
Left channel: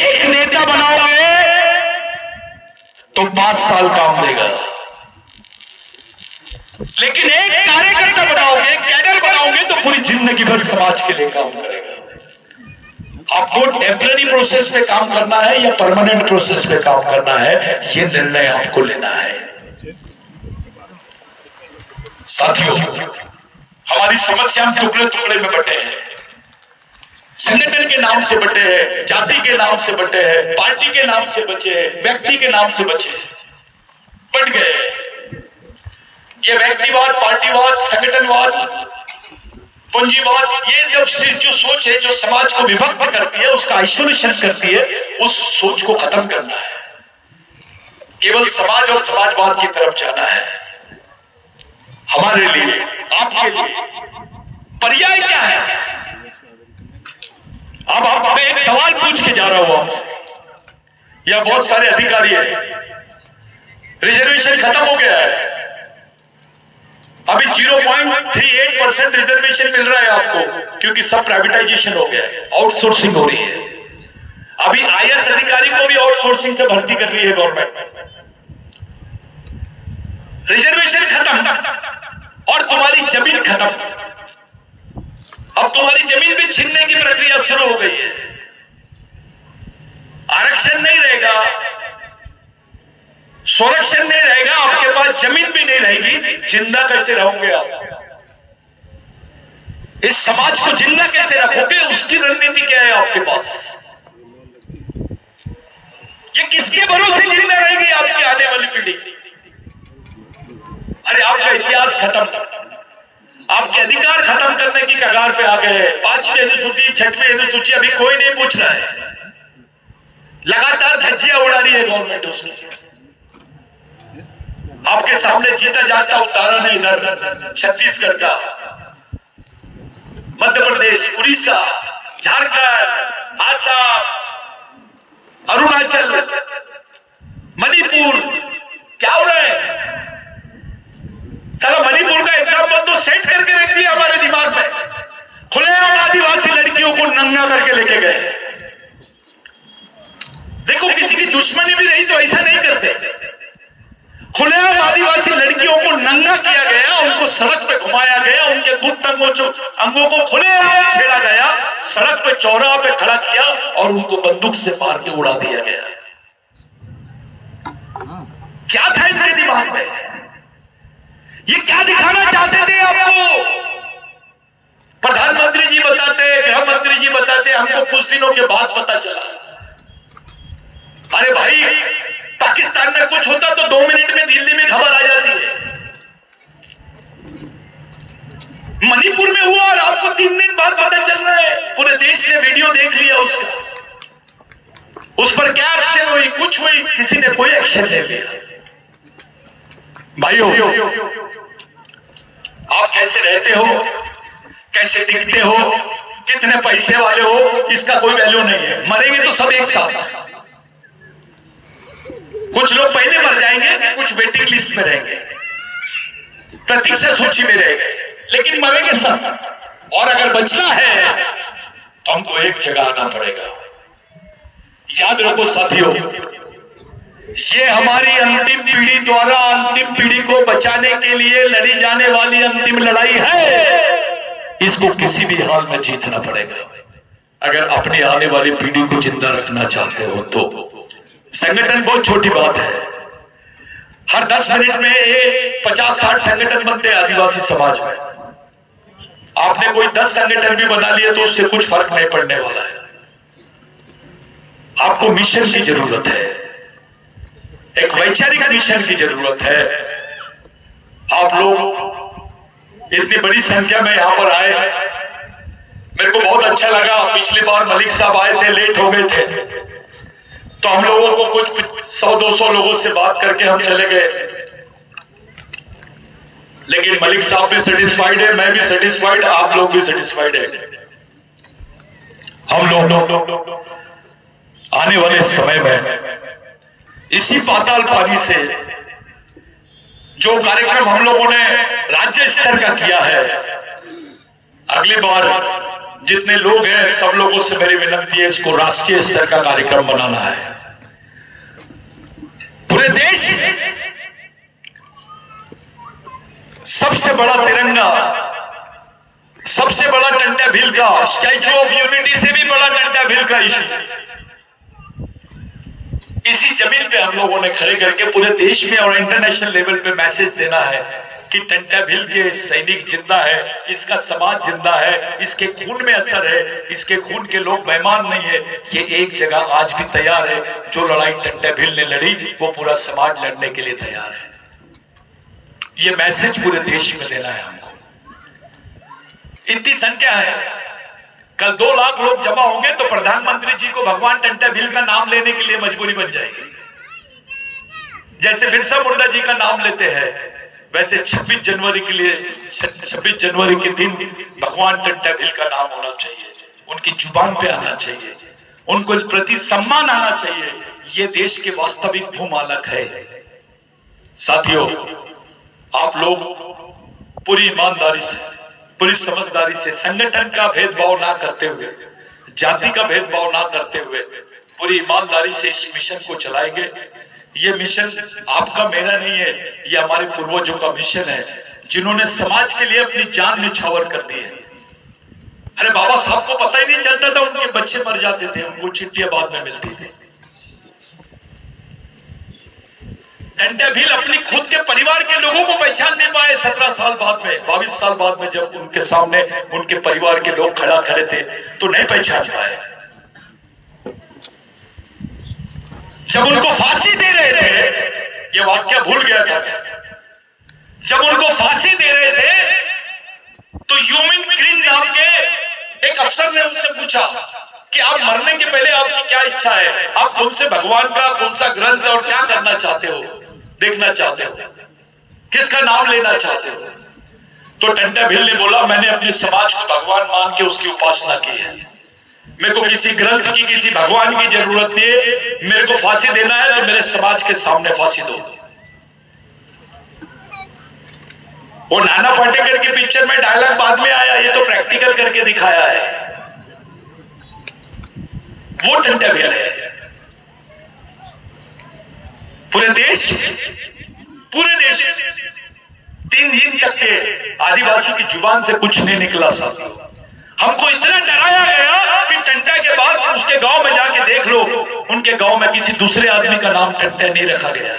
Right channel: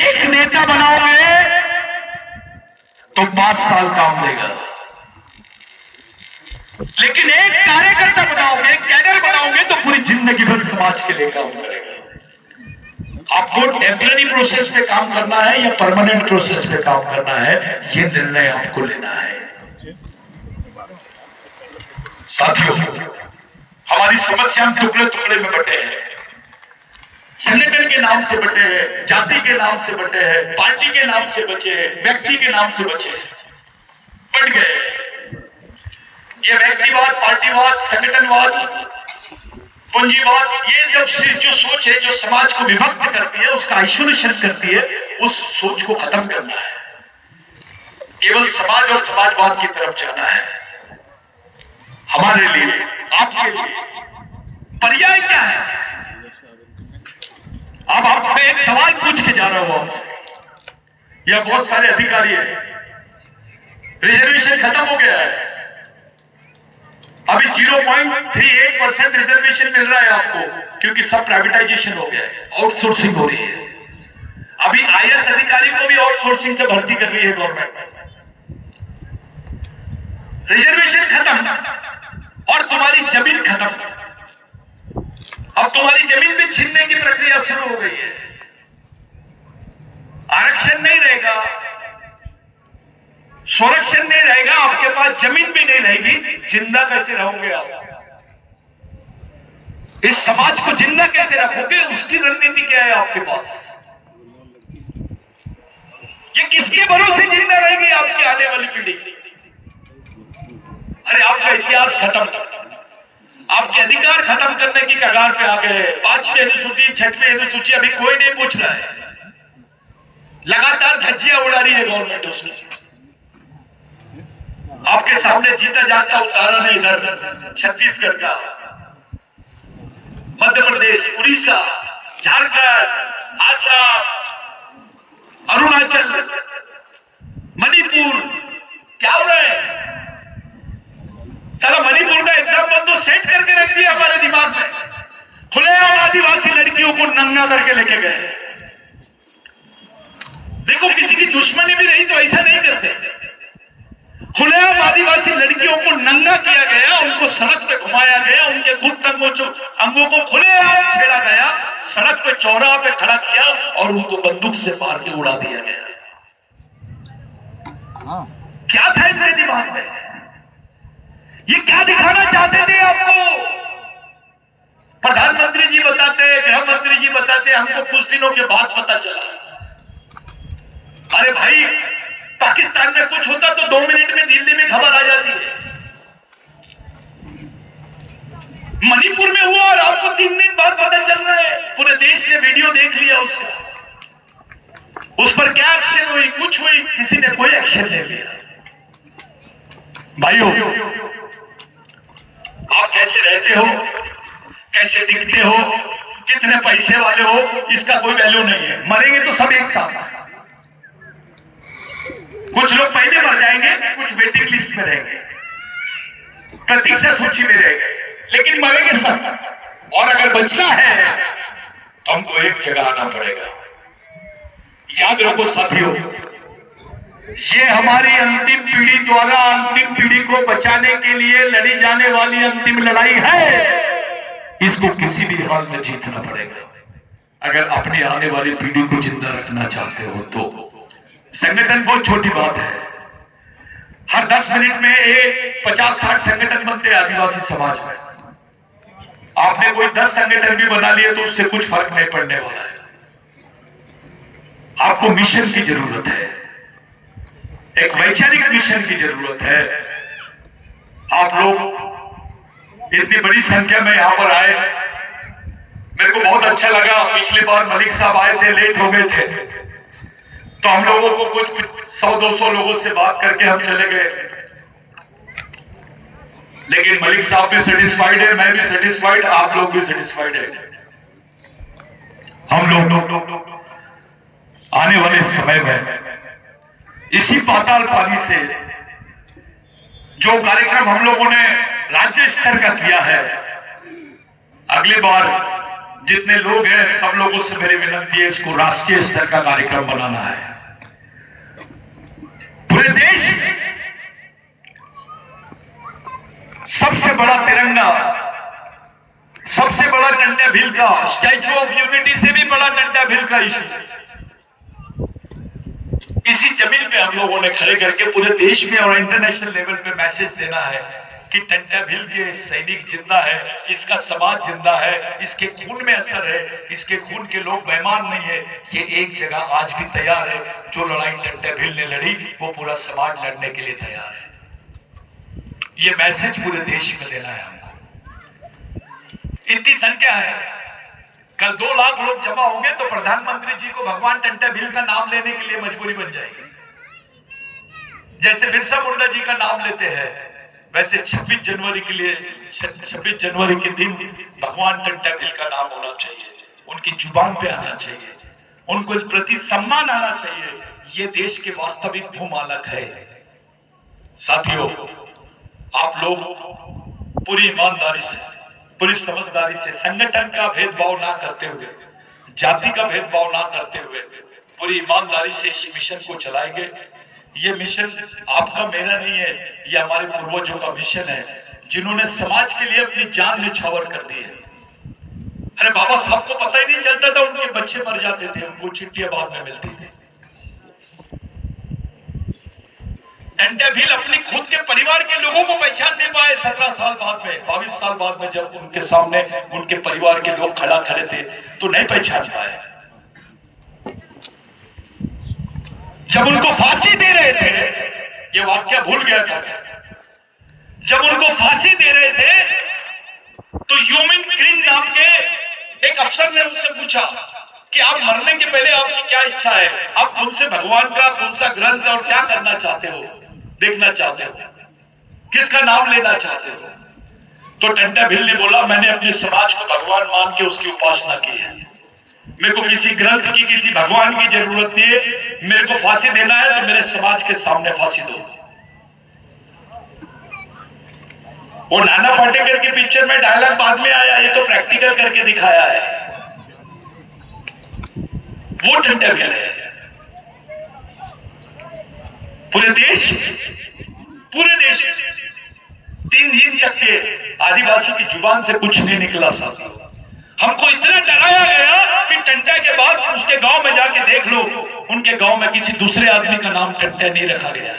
एक नेता बनाओगे तो 5 साल काम देगा, लेकिन एक कार्यकर्ता बनाओगे, कैडर बनाओगे तो पूरी जिंदगी भर समाज के लिए काम करेगा। आपको टेम्पररी प्रोसेस में काम करना है या परमानेंट प्रोसेस में काम करना है, यह निर्णय आपको लेना है। साथियों, हमारी समस्या हम टुकड़े टुकड़े में बटे हैं, संगठन के नाम से बटे हैं, जाति के नाम से बटे हैं, पार्टी के नाम से बचे हैं, व्यक्ति के नाम से बचे हैं, बट गए। ये व्यक्तिवाद, पार्टीवाद, संगठनवाद, पूंजीवाद, ये जब जो सोच है जो समाज को विभक्त करती है, उसका आइसोलेशन करती है, उस सोच को खत्म करना है। केवल समाज और समाजवाद की तरफ जाना है। हमारे लिए, आपके लिए पर्याय क्या है? अब मैं एक सवाल पूछ के जा रहा हूं आपसे। यह बहुत सारे अधिकारी हैं, रिजर्वेशन खत्म हो गया है, अभी 0.38% रिजर्वेशन मिल रहा है आपको, क्योंकि सब प्राइवेटाइजेशन हो गया है, आउटसोर्सिंग हो रही है। अभी आईएएस अधिकारी को भी आउटसोर्सिंग से भर्ती कर रही है गवर्नमेंट। रिजर्वेशन खत्म और तुम्हारी जमीन खत्म। अब तुम्हारी जमीन भी छीनने की प्रक्रिया शुरू हो गई है। आरक्षण नहीं रहेगा, संरक्षण नहीं रहेगा, आपके पास जमीन भी नहीं रहेगी, जिंदा कैसे रहोगे आप? इस समाज को जिंदा कैसे रखोगे? उसकी रणनीति क्या है आपके पास? ये किसके भरोसे जिंदा रहेगी आपकी आने वाली पीढ़ी? अरे आपका इतिहास खत्म, आपके अधिकार खत्म करने की कगार पे आ गए हैं। 5वीं अनुसूची, 6वीं अनुसूची अभी कोई नहीं पूछ रहा है, लगातार धज्जियां उड़ा रही है गवर्नमेंट उसकी। आपके सामने जीता जागता उदाहरण है इधर छत्तीसगढ़ का, मध्य प्रदेश, उड़ीसा, झारखंड, आसाम, अरुणाचल, मणिपुर। क्या हो रहा है? साला मणिपुर का एग्जाम्पल तो सेट करके रख दिया हमारे दिमाग में। खुलेआम आदिवासी लड़कियों को नंगा करके लेके गए। देखो, किसी की दुश्मनी भी नहीं तो ऐसा नहीं करते। खुलेआम आदिवासी लड़कियों को नंगा किया गया, उनको सड़क पे घुमाया गया, उनके गुप्त अंगों को खुलेआम छेड़ा गया, सड़क पे चौराहे पे खड़ा किया और उनको बंदूक से मार के उड़ा दिया गया। क्या था इनके दिमाग में? ये क्या दिखाना चाहते थे आपको? प्रधानमंत्री जी बताते, गृह मंत्री जी बताते, हमको कुछ दिनों के बाद पता चला। अरे भाई, पाकिस्तान में कुछ होता तो 2 मिनट में दिल्ली में खबर आ जाती है। मणिपुर में हुआ और आपको 3 दिन बाद पता चल रहा है। पूरे देश ने वीडियो देख लिया उसका, उस पर क्या एक्शन हुई? कुछ हुई? किसी ने कोई एक्शन नहीं लिया। भाइयों, आप कैसे रहते हो, कैसे दिखते हो, कितने पैसे वाले हो, इसका कोई वैल्यू नहीं है। मरेंगे तो सब एक साथ। कुछ लोग पहले मर जाएंगे, कुछ वेटिंग लिस्ट में रहेंगे, प्रतीक्षा सूची में रहेंगे, लेकिन मरेंगे सब। और अगर बचना है तो हमको एक जगह आना पड़ेगा। याद रखो साथियों, ये हमारी अंतिम पीढ़ी द्वारा अंतिम पीढ़ी को बचाने के लिए लड़ी जाने वाली अंतिम लड़ाई है। इसको किसी भी हाल में जीतना पड़ेगा। अगर अपनी आने वाली पीढ़ी को जिंदा रखना चाहते हो तो संगठन बहुत छोटी बात है। हर 10 मिनट में 50-60 संगठन बनते हैं आदिवासी समाज में। आपने कोई 10 संगठन भी बना लिए तो उससे कुछ फर्क नहीं पड़ने वाला है। आपको मिशन की जरूरत है, एक वैचारिक मिशन की जरूरत है। आप लोग इतनी बड़ी संख्या में यहां पर आए, मेरे को बहुत अच्छा लगा। पिछली बार मलिक साहब आए थे, लेट हो गए थे, तो हम लोगों को कुछ 100-200 लोगों से बात करके हम चले गए। लेकिन मलिक साहब भी सेटिस्फाइड है, मैं भी सेटिस्फाइड, आप लोग भी सेटिस्फाइड है। हम लोग आने वाले समय में इसी पाताल पानी से जो कार्यक्रम हम लोगों ने राज्य स्तर का किया है, अगली बार जितने लोग हैं सब लोगों से मेरी विनती है, इसको राष्ट्रीय स्तर का कार्यक्रम बनाना है। पूरे देश सबसे बड़ा तिरंगा, सबसे बड़ा टंटा भील का स्टैच्यू ऑफ यूनिटी से भी बड़ा टंटा भील का इशू इसी जमीन पे हम लोगों ने खड़े करके पूरे देश में और इंटरनेशनल लेवल पे मैसेज देना है कि टंटा भील के सैनिक जिंदा है, इसका समाज जिंदा है, इसके खून में असर है, इसके खून के लोग बेईमान नहीं है। ये एक जगह आज भी तैयार है। जो लड़ाई टंटा भील ने लड़ी वो पूरा समाज लड़ने के लिए तैयार है। ये मैसेज पूरे देश में देना है हमको। इतनी संख्या है, कल 2 लाख लोग जमा होंगे तो प्रधानमंत्री जी को भगवान टंटा भील का नाम लेने के लिए मजबूरी बन जाएगी। जैसे बिरसा मुंडा जी का नाम लेते हैं, वैसे 26 जनवरी के लिए 26 जनवरी के दिन भगवान टंटा भील का नाम होना चाहिए, उनकी जुबान पे आना चाहिए, उनको प्रति सम्मान आना चाहिए। ये देश के वास्तविक भूमालक है। साथियों, आप लोग पूरी ईमानदारी से, पूरी समझदारी से, संगठन का भेदभाव ना करते हुए, जाति का भेदभाव ना करते हुए पूरी ईमानदारी से इस मिशन को चलाएंगे। ये मिशन आपका मेरा नहीं है, ये हमारे पूर्वजों का मिशन है, जिन्होंने समाज के लिए अपनी जान निछावर कर दी है। अरे बाबा साहब को पता ही नहीं चलता था, उनके बच्चे मर जाते थे, उनको चिट्ठियां बाद में मिलती थी। टंटा भील अपनी खुद के परिवार के लोगों को पहचान नहीं पाए। 17 साल बाद में, 22 साल बाद में जब उनके सामने उनके परिवार के लोग खड़े थे तो नहीं पहचान पाए। जब उनको फांसी दे रहे थे, ये वाक्य भूल गया था मैं, जब उनको फांसी दे रहे थे तो ह्यूमन ग्रीन नाम के एक अफसर ने उनसे पूछा कि आप मरने के पहले आपकी क्या इच्छा है, आप कौन से भगवान का कौन सा ग्रंथ और क्या करना चाहते हो, देखना चाहते हो, किसका नाम लेना चाहते हो? तो टंटा भील ने बोला, मैंने अपने समाज को भगवान मान के उसकी उपासना की है। मेरे को किसी ग्रंथ की, किसी भगवान की जरूरत नहीं है। मेरे को फांसी देना है तो मेरे समाज के सामने फांसी दो। वो नाना पाटेकर की पिक्चर में डायलॉग बाद में आया, ये तो प्रैक्टिकल करके दिखाया है। वो टंटा भील है। पूरे देश 3 दिन तक के आदिवासी की जुबान से कुछ नहीं निकला। साथियों, हमको इतना डराया गया कि टंटा के बाद उसके गांव में जाके देख लो, उनके गांव में किसी दूसरे आदमी का नाम टंटा नहीं रखा गया।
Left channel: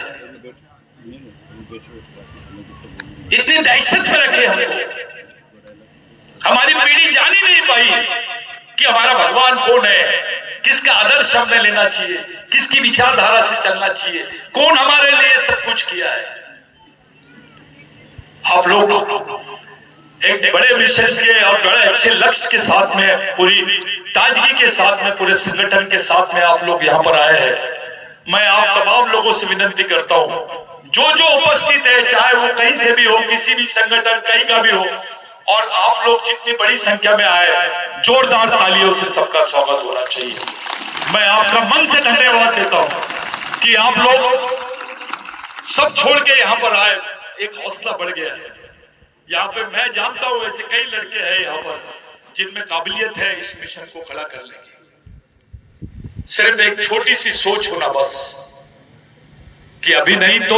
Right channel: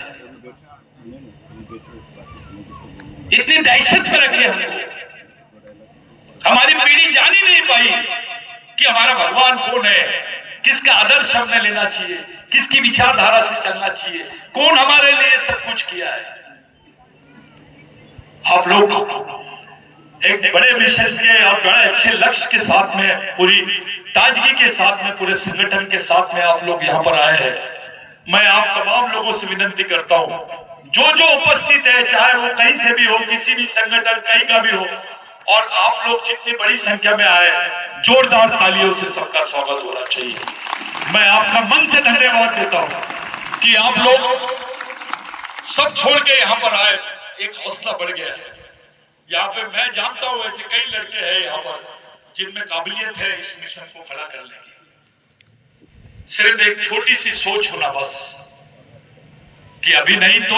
इतनी दहशत में रखे हमको। हमारी पीढ़ी जान ही नहीं पाई कि हमारा भगवान कौन है, किसका आदर्श हमने लेना चाहिए, किसकी विचारधारा से चलना चाहिए, कौन हमारे लिए सब कुछ किया है। आप लोग एक बड़े मिशन के और बड़े अच्छे लक्ष्य के साथ में, पूरी ताजगी के साथ में, पूरे संगठन के साथ में आप लोग यहाँ पर आए हैं। मैं आप तमाम लोगों से विनती करता हूँ, जो जो उपस्थित है, चाहे वो कहीं से भी हो, किसी भी संगठन कहीं का भी हो, और आप लोग जितनी बड़ी संख्या में आए, जोरदार तालियों से सबका स्वागत होना चाहिए। मैं आपका मन से धन्यवाद देता हूं कि आप लोग सब छोड़ के यहाँ पर आए। एक हौसला बढ़ गया है यहाँ पे। मैं जानता हूं ऐसे कई लड़के हैं यहाँ पर जिनमें काबिलियत है इस मिशन को खड़ा करने की। सिर्फ एक छोटी सी सोच होना बस, कि अभी नहीं तो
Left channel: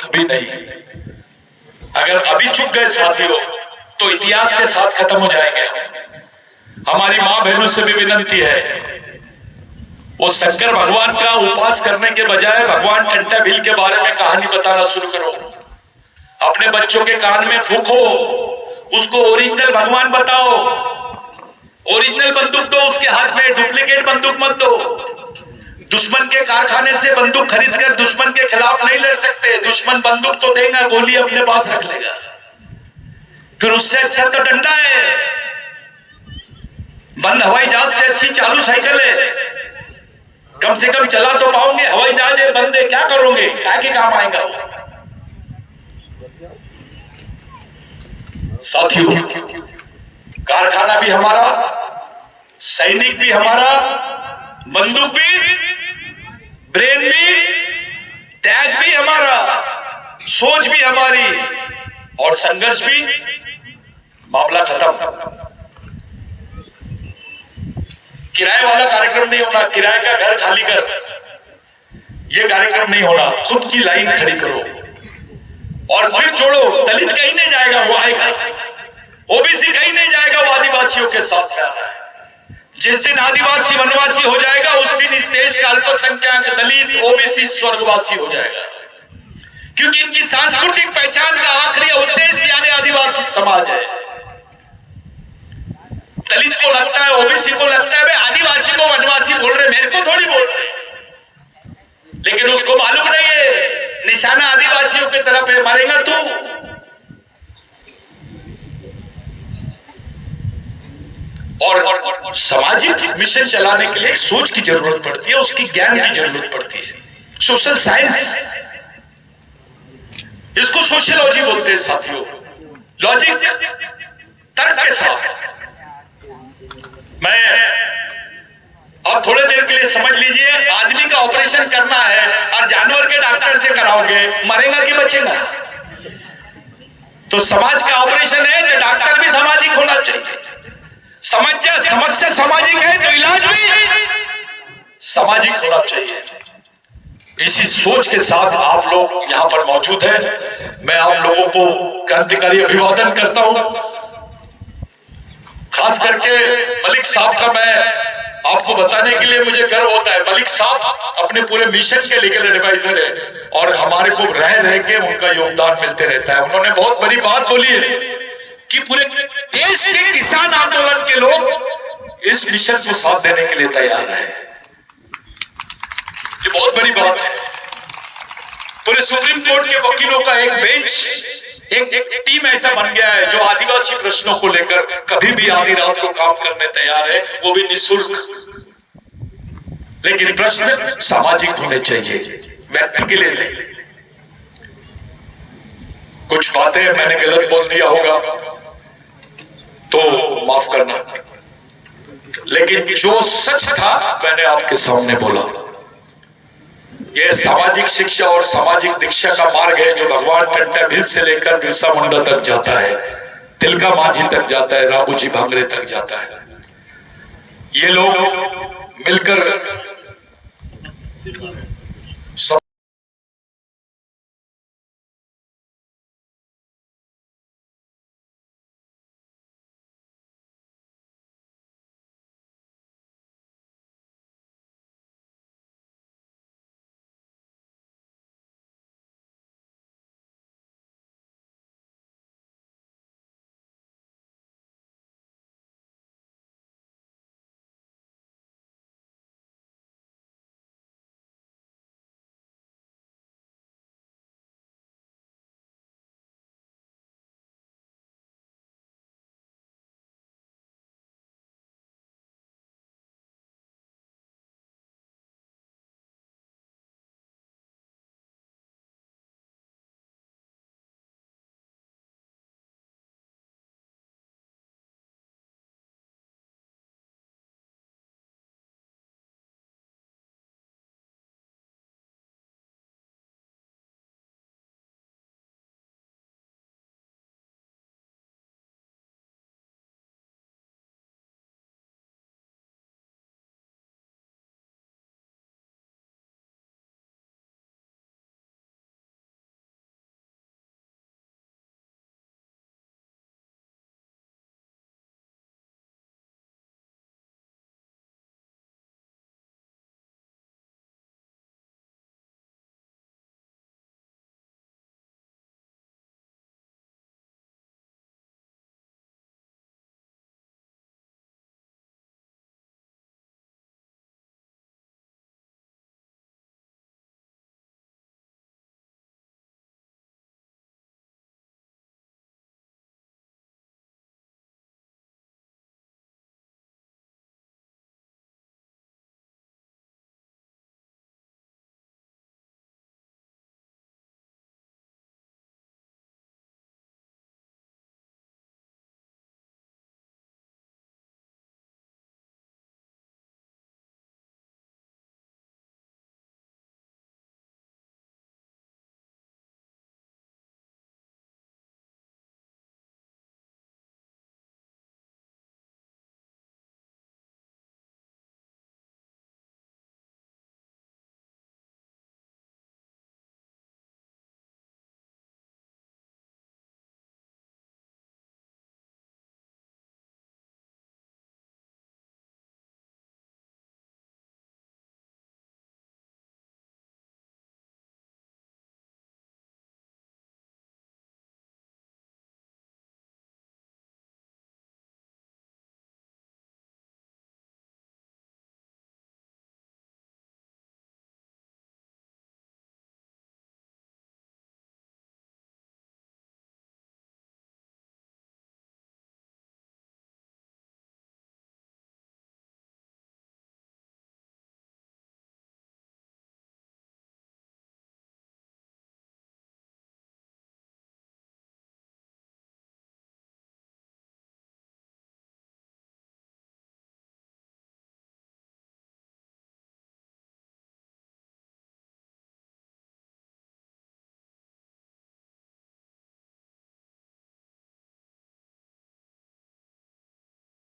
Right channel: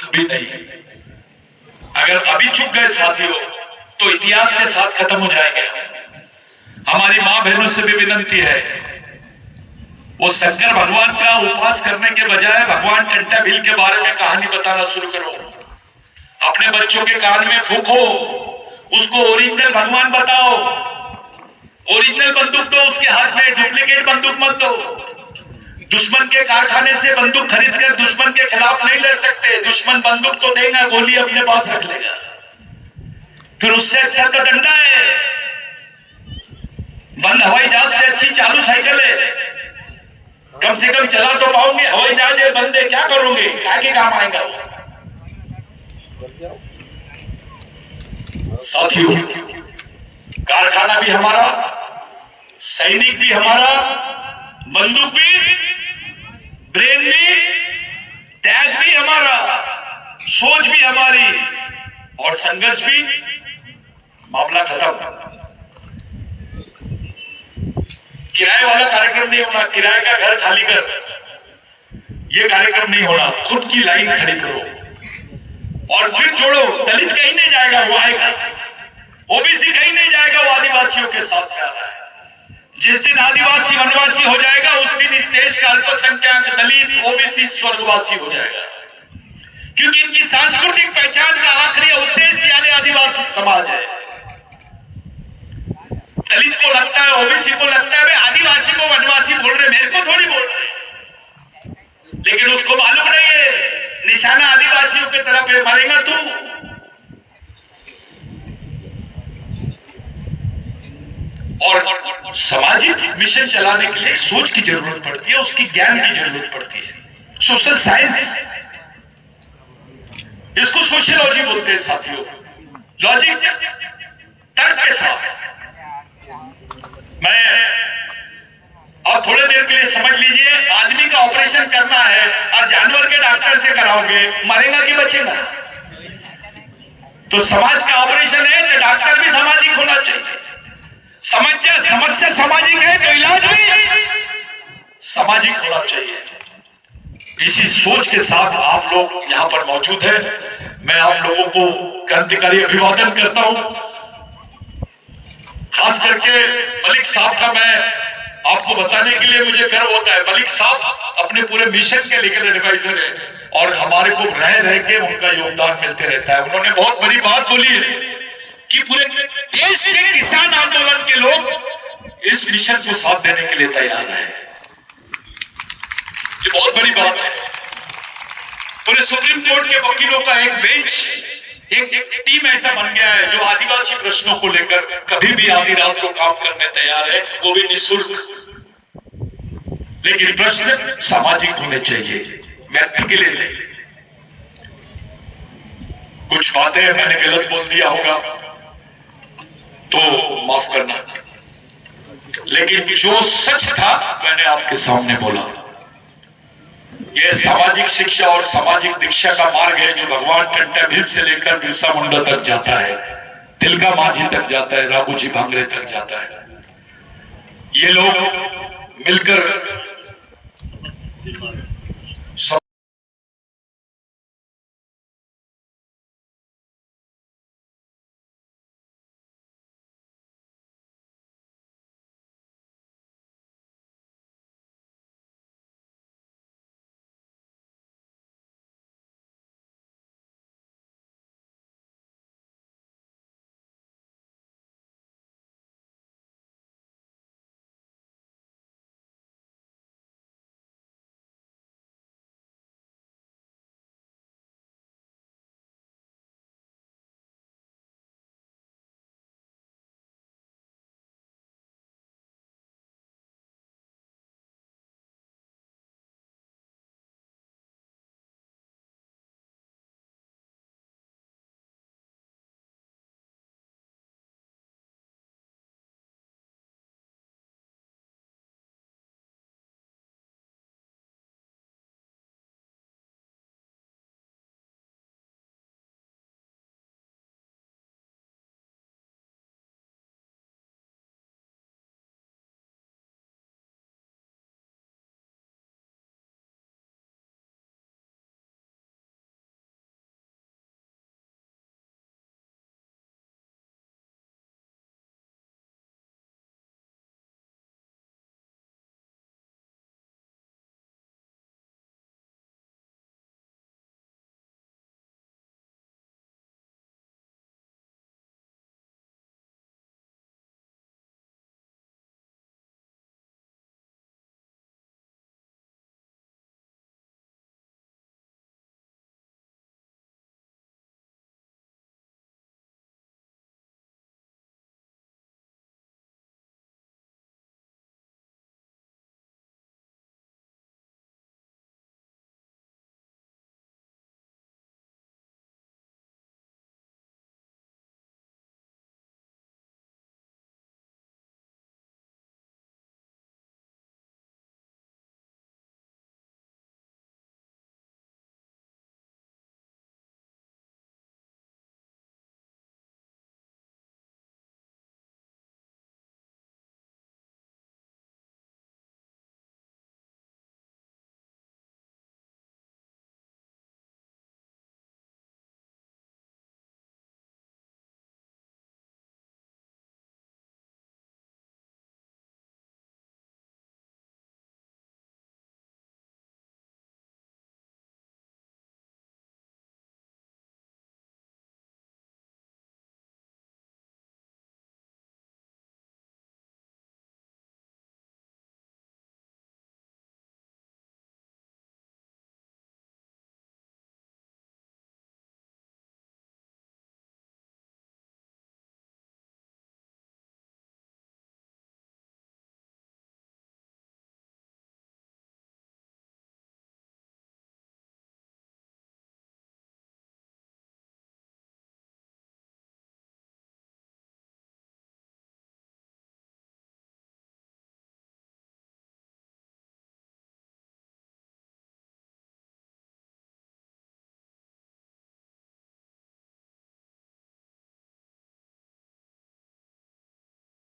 कभी नहीं। अगर अभी चुक गए साथियों तो इतिहास के साथ खत्म हो जाएंगे। हमारी मां बहनों से भी विनंती है, वो शंकर भगवान का उपास करने के बजाय भगवान कंटाबिल के बारे में कहानी बताना शुरू करो। अपने बच्चों के कान में फूंको, उसको ओरिजिनल भगवान बताओ। ओरिजिनल बंदूक दो उसके हाथ में, डुप्लीकेट बंदूक मत दो। दुश्मन के कारखाने से बंदूक खरीद कर दुश्मन के खिलाफ नहीं लड़ सकते। दुश्मन बंदूक तो देगा, गोली अपने पास रख लेगा। फिर उससे अच्छा तो डंडा है। बंद हवाई जहाज से अच्छी चालू साइकिल है। कम से कम चला तो पाओगे। हवाई जहाज है, बंदे क्या करोगे? क्या के काम आएगा वो? साथियों, कारखाना भी हमारा, सैनिक भी हमारा, बंदूक भी, ब्रेन भी, त्याग भी हमारा, सोच भी हमारी, और संघर्ष भी। मामला खत्म। किराए वाला कार्यक्रम नहीं होना, किराए का घर खाली कर, ये कार्यक्रम नहीं होना। खुद की लाइन खड़ी करो और फिर जोड़ो। दलित कहीं नहीं जाएगा, वो आएगा। ओबीसी कहीं नहीं जाएगा, वो आदिवासियों के साथ में आना है। जिस दिन आदिवासी वनवासी हो जाएगा, उस दिन इस देश का अल्पसंख्यक दलित ओबीसी स्वर्गवासी हो जाएगा। क्योंकि इनकी सांस्कृतिक पहचान का आखिरी अवशेष यानी आदिवासी समाज है। दलित को लगता है, ओबीसी को लगता है वे आदिवासी को वनवासी बोल रहे, मेरे को थोड़ी बोल रहे। लेकिन उसको मालूम नहीं है निशाना आदिवासियों की तरफ है, मारेगा तू। और सामाजिक मिशन चलाने के लिए सोच की जरूरत पड़ती है, उसकी ज्ञान की जरूरत पड़ती है। सोशल साइंस, इसको सोशियोलॉजी बोलते हैं साथियों। लॉजिक, तर्क के साथ। मैं और थोड़ी देर के लिए समझ लीजिए, आदमी का ऑपरेशन करना है और जानवर के डॉक्टर से कराओगे, मरेगा कि बचेगा? तो समाज का ऑपरेशन है तो डॉक्टर भी सामाजिक होना चाहिए। समस्या सामाजिक है तो इलाज भी सामाजिक होना चाहिए। इसी सोच के साथ आप लोग यहां पर मौजूद हैं। मैं आप लोगों को क्रांतिकारी अभिवादन करता हूं। खास करके मलिक साहब का मैं आपको बताने के लिए मुझे गर्व होता है। मलिक साहब अपने पूरे मिशन के लीगल एडवाइजर है और हमारे को रह रह के उनका योगदान मिलते रहता है। उन्होंने बहुत बड़ी बात बोली है कि पूरे देश के किसान आंदोलन के लोग इस मिशन को साथ देने के लिए तैयार है। ये बहुत बड़ी बात है। पूरे सुप्रीम कोर्ट के वकीलों का एक बेंच, एक टीम ऐसा बन गया है जो आदिवासी प्रश्नों को लेकर कभी भी आधी रात को काम करने तैयार है, वो भी निःशुल्क। लेकिन प्रश्न सामाजिक होने चाहिए, व्यक्ति के लिए नहीं। कुछ बातें मैंने गलत बोल दिया होगा तो माफ करना, लेकिन जो सच था मैंने आपके सामने बोला। यह सामाजिक शिक्षा और सामाजिक दीक्षा का मार्ग है जो भगवान कंटाबिल से लेकर बिरसा मुंडा तक जाता है, तिलका मांझी तक जाता है, राघोजी भांगरे तक जाता है। ये लोग मिलकर